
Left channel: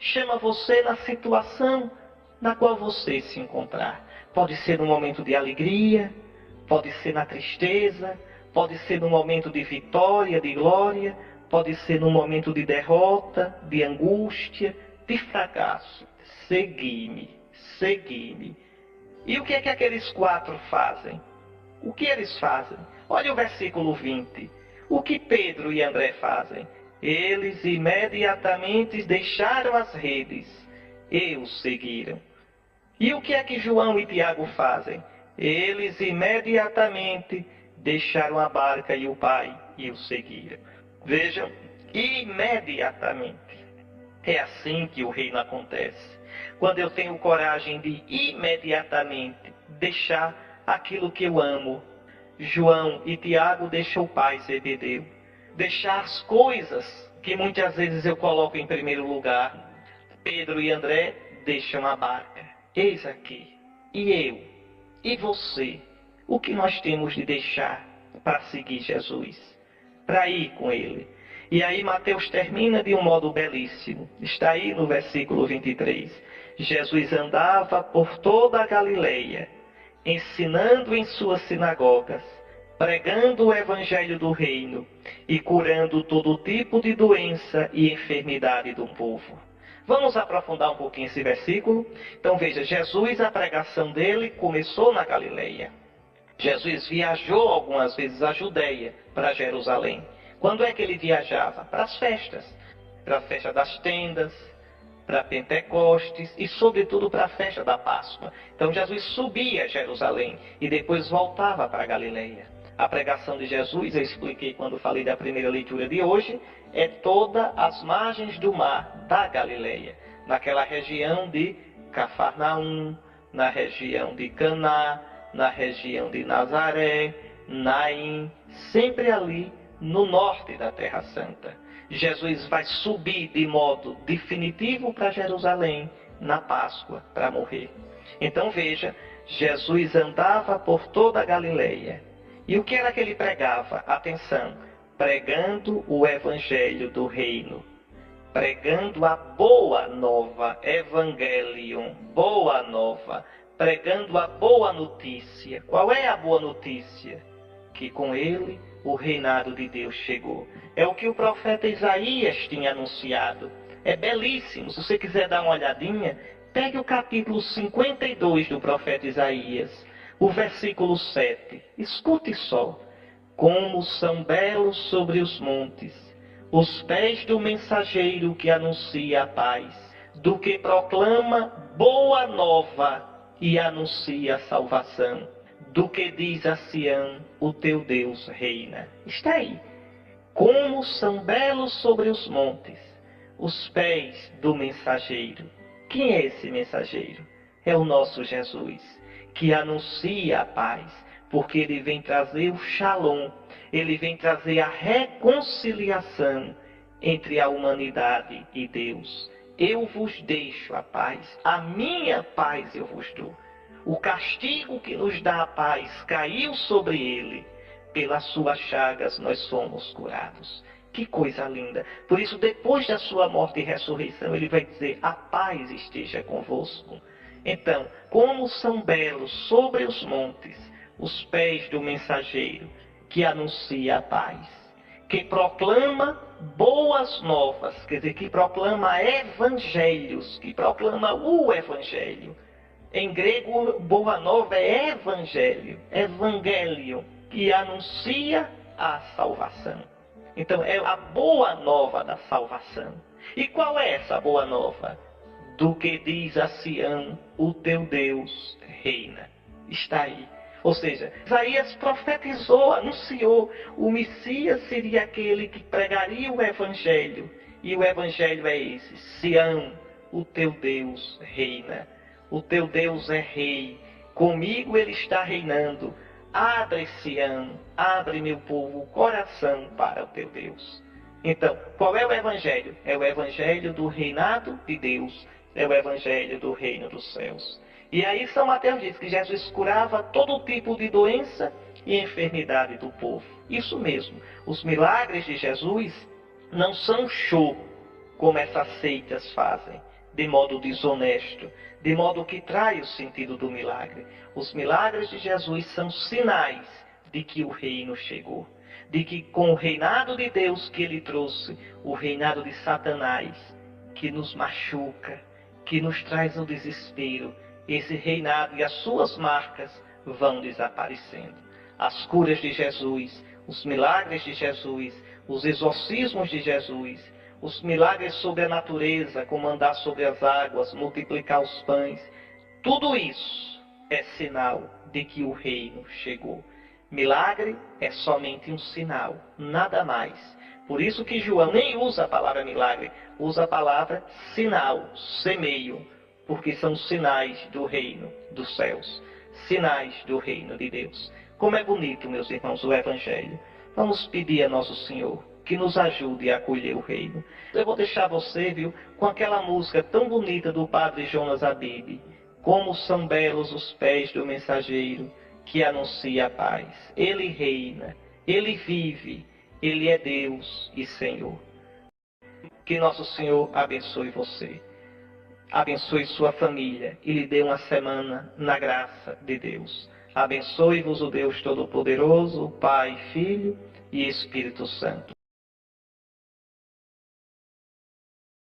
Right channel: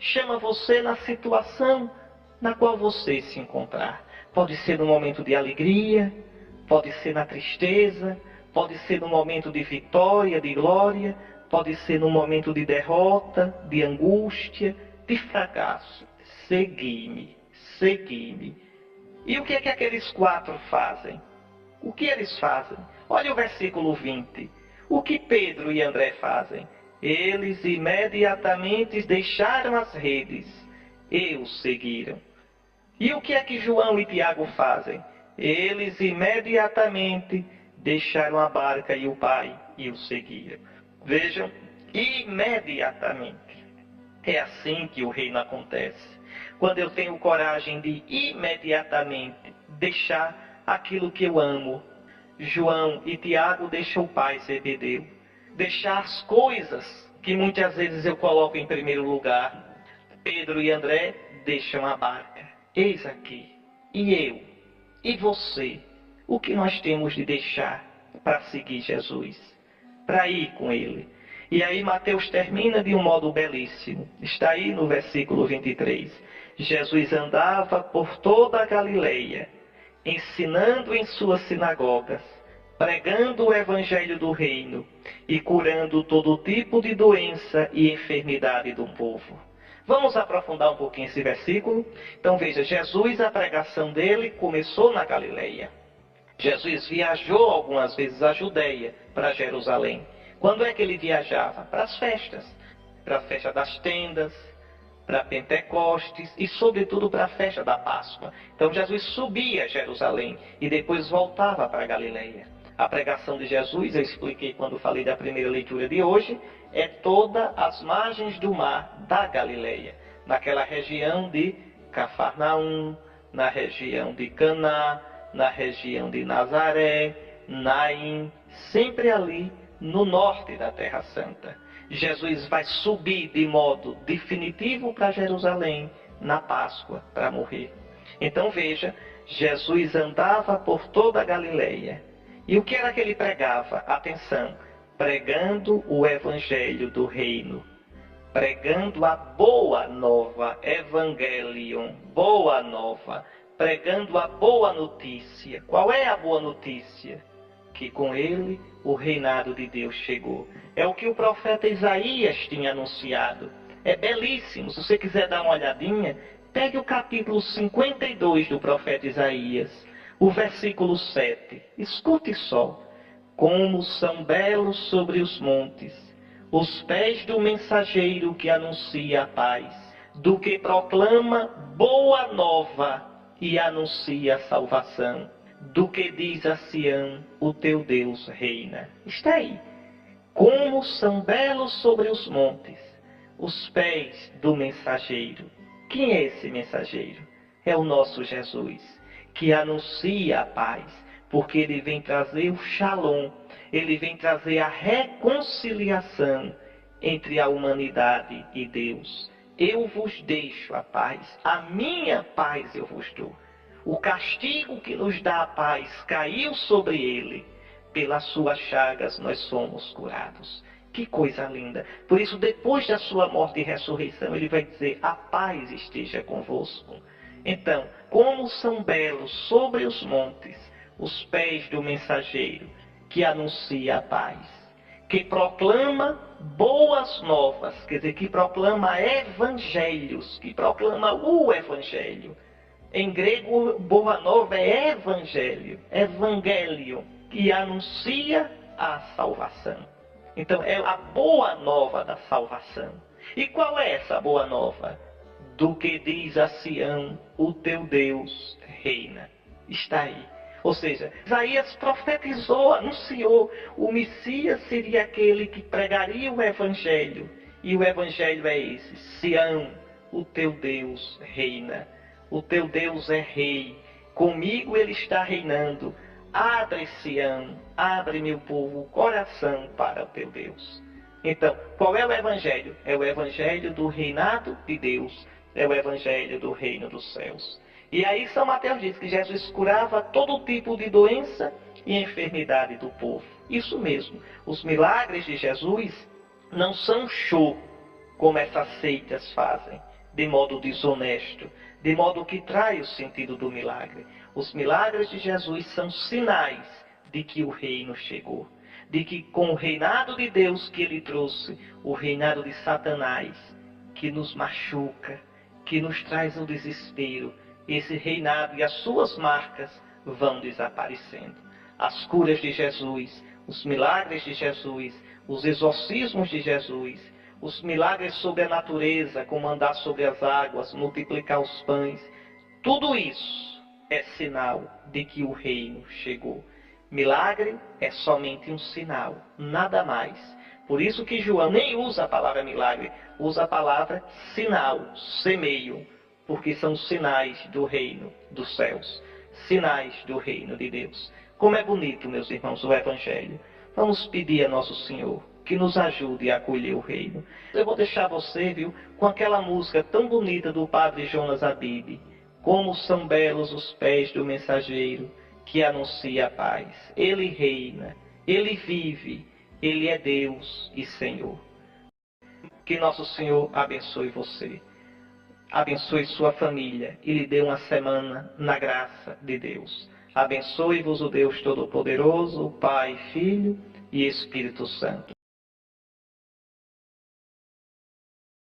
Chama você na situação na qual você se encontrar. Pode ser no momento de alegria, pode ser na tristeza, pode ser no momento de vitória, de glória, pode ser no momento de derrota, de angústia, de fracasso. Segui-me, segui-me. E o que é que aqueles 4 fazem? O que eles fazem? Olha o versículo 20. O que Pedro e André fazem? Eles imediatamente deixaram as redes e o seguiram. E o que é que João e Tiago fazem? Eles imediatamente deixaram a barca e o pai e o seguiram. Vejam, imediatamente. É assim que o reino acontece. Quando eu tenho coragem de imediatamente deixar aquilo que eu amo. João e Tiago deixam o pai, Zebedeu. Deixar as coisas que muitas vezes eu coloco em primeiro lugar. Pedro e André deixam a barca. Eis aqui, e eu, e você, o que nós temos de deixar para seguir Jesus, para ir com Ele. E aí Mateus termina de um modo belíssimo, está aí no versículo 23. Jesus andava por toda a Galileia, ensinando em suas sinagogas, pregando o evangelho do reino e curando todo tipo de doença e enfermidade do povo. Vamos aprofundar um pouquinho esse versículo. Então veja, Jesus, a pregação dele começou na Galileia. Jesus viajou algumas vezes à Judeia, para Jerusalém. Quando é que ele viajava? Para as festas. Para a festa das tendas, para Pentecostes e sobretudo para a festa da Páscoa. Então Jesus subia a Jerusalém e depois voltava para a Galileia. A pregação de Jesus, eu expliquei quando falei da primeira leitura de hoje, é todas as margens do mar da Galileia, naquela região de Cafarnaum, na região de Caná, na região de Nazaré, Naim, sempre ali no norte da Terra Santa. Jesus vai subir de modo definitivo para Jerusalém na Páscoa para morrer. Então veja, Jesus andava por toda a Galileia. E o que era que ele pregava? Atenção, pregando o evangelho do reino, pregando a boa nova, evangelion, boa nova, pregando a boa notícia. Qual é a boa notícia? Que com ele o reinado de Deus chegou. É o que o profeta Isaías tinha anunciado. É belíssimo. Se você quiser dar uma olhadinha, pegue o capítulo 52 do profeta Isaías, o versículo 7. Escute só. Como são belos sobre os montes os pés do mensageiro que anuncia a paz, do que proclama boa nova e anuncia a salvação, do que diz a Sião, o teu Deus reina. Está aí. Como são belos sobre os montes os pés do mensageiro. Quem é esse mensageiro? É o nosso Jesus, que anuncia a paz, porque ele vem trazer o shalom, ele vem trazer a reconciliação entre a humanidade e Deus. Eu vos deixo a paz, a minha paz eu vos dou. O castigo que nos dá a paz caiu sobre ele, pelas suas chagas nós somos curados. Que coisa linda. Por isso, depois da sua morte e ressurreição, ele vai dizer, a paz esteja convosco. Então, como são belos sobre os montes os pés do mensageiro que anuncia a paz, que proclama boas novas, quer dizer, que proclama evangelhos, que proclama o evangelho. Em grego, boa nova é evangelho, evangelho, que anuncia a salvação. Então, é a boa nova da salvação. E qual é essa boa nova? Do que diz a Sião, o teu Deus reina. Está aí. Ou seja, Isaías profetizou, anunciou, o Messias seria aquele que pregaria o Evangelho. E o Evangelho é esse, Sião, o teu Deus reina. O teu Deus é rei. Comigo ele está reinando. Abre, Sião, abre, meu povo, o coração para o teu Deus. Então, qual é o evangelho? É o evangelho do reinado de Deus. É o evangelho do reino dos céus. E aí São Mateus diz que Jesus curava todo tipo de doença e enfermidade do povo. Isso mesmo. Os milagres de Jesus não são show, como essas seitas fazem, de modo desonesto, de modo que trai o sentido do milagre. Os milagres de Jesus são sinais de que o reino chegou, de que com o reinado de Deus que ele trouxe, o reinado de Satanás, que nos machuca, que nos traz o desespero, esse reinado e as suas marcas vão desaparecendo. As curas de Jesus, os milagres de Jesus, os exorcismos de Jesus, os milagres sobre a natureza, como andar sobre as águas, multiplicar os pães, tudo isso é sinal de que o reino chegou. Milagre é somente um sinal, nada mais. Por isso que João nem usa a palavra milagre, usa a palavra sinal, semeio, porque são sinais do reino dos céus, sinais do reino de Deus. Como é bonito, meus irmãos, o Evangelho. Vamos pedir a Nosso Senhor que nos ajude a acolher o reino. Eu vou deixar você, viu, com aquela música tão bonita do Padre Jonas Abib. Como são belos os pés do mensageiro que anuncia a paz. Ele reina, ele vive, ele é Deus e Senhor. Que Nosso Senhor abençoe você, abençoe sua família e lhe dê uma semana na graça de Deus. Abençoe-vos o Deus Todo-Poderoso, o Pai, Filho e Espírito Santo.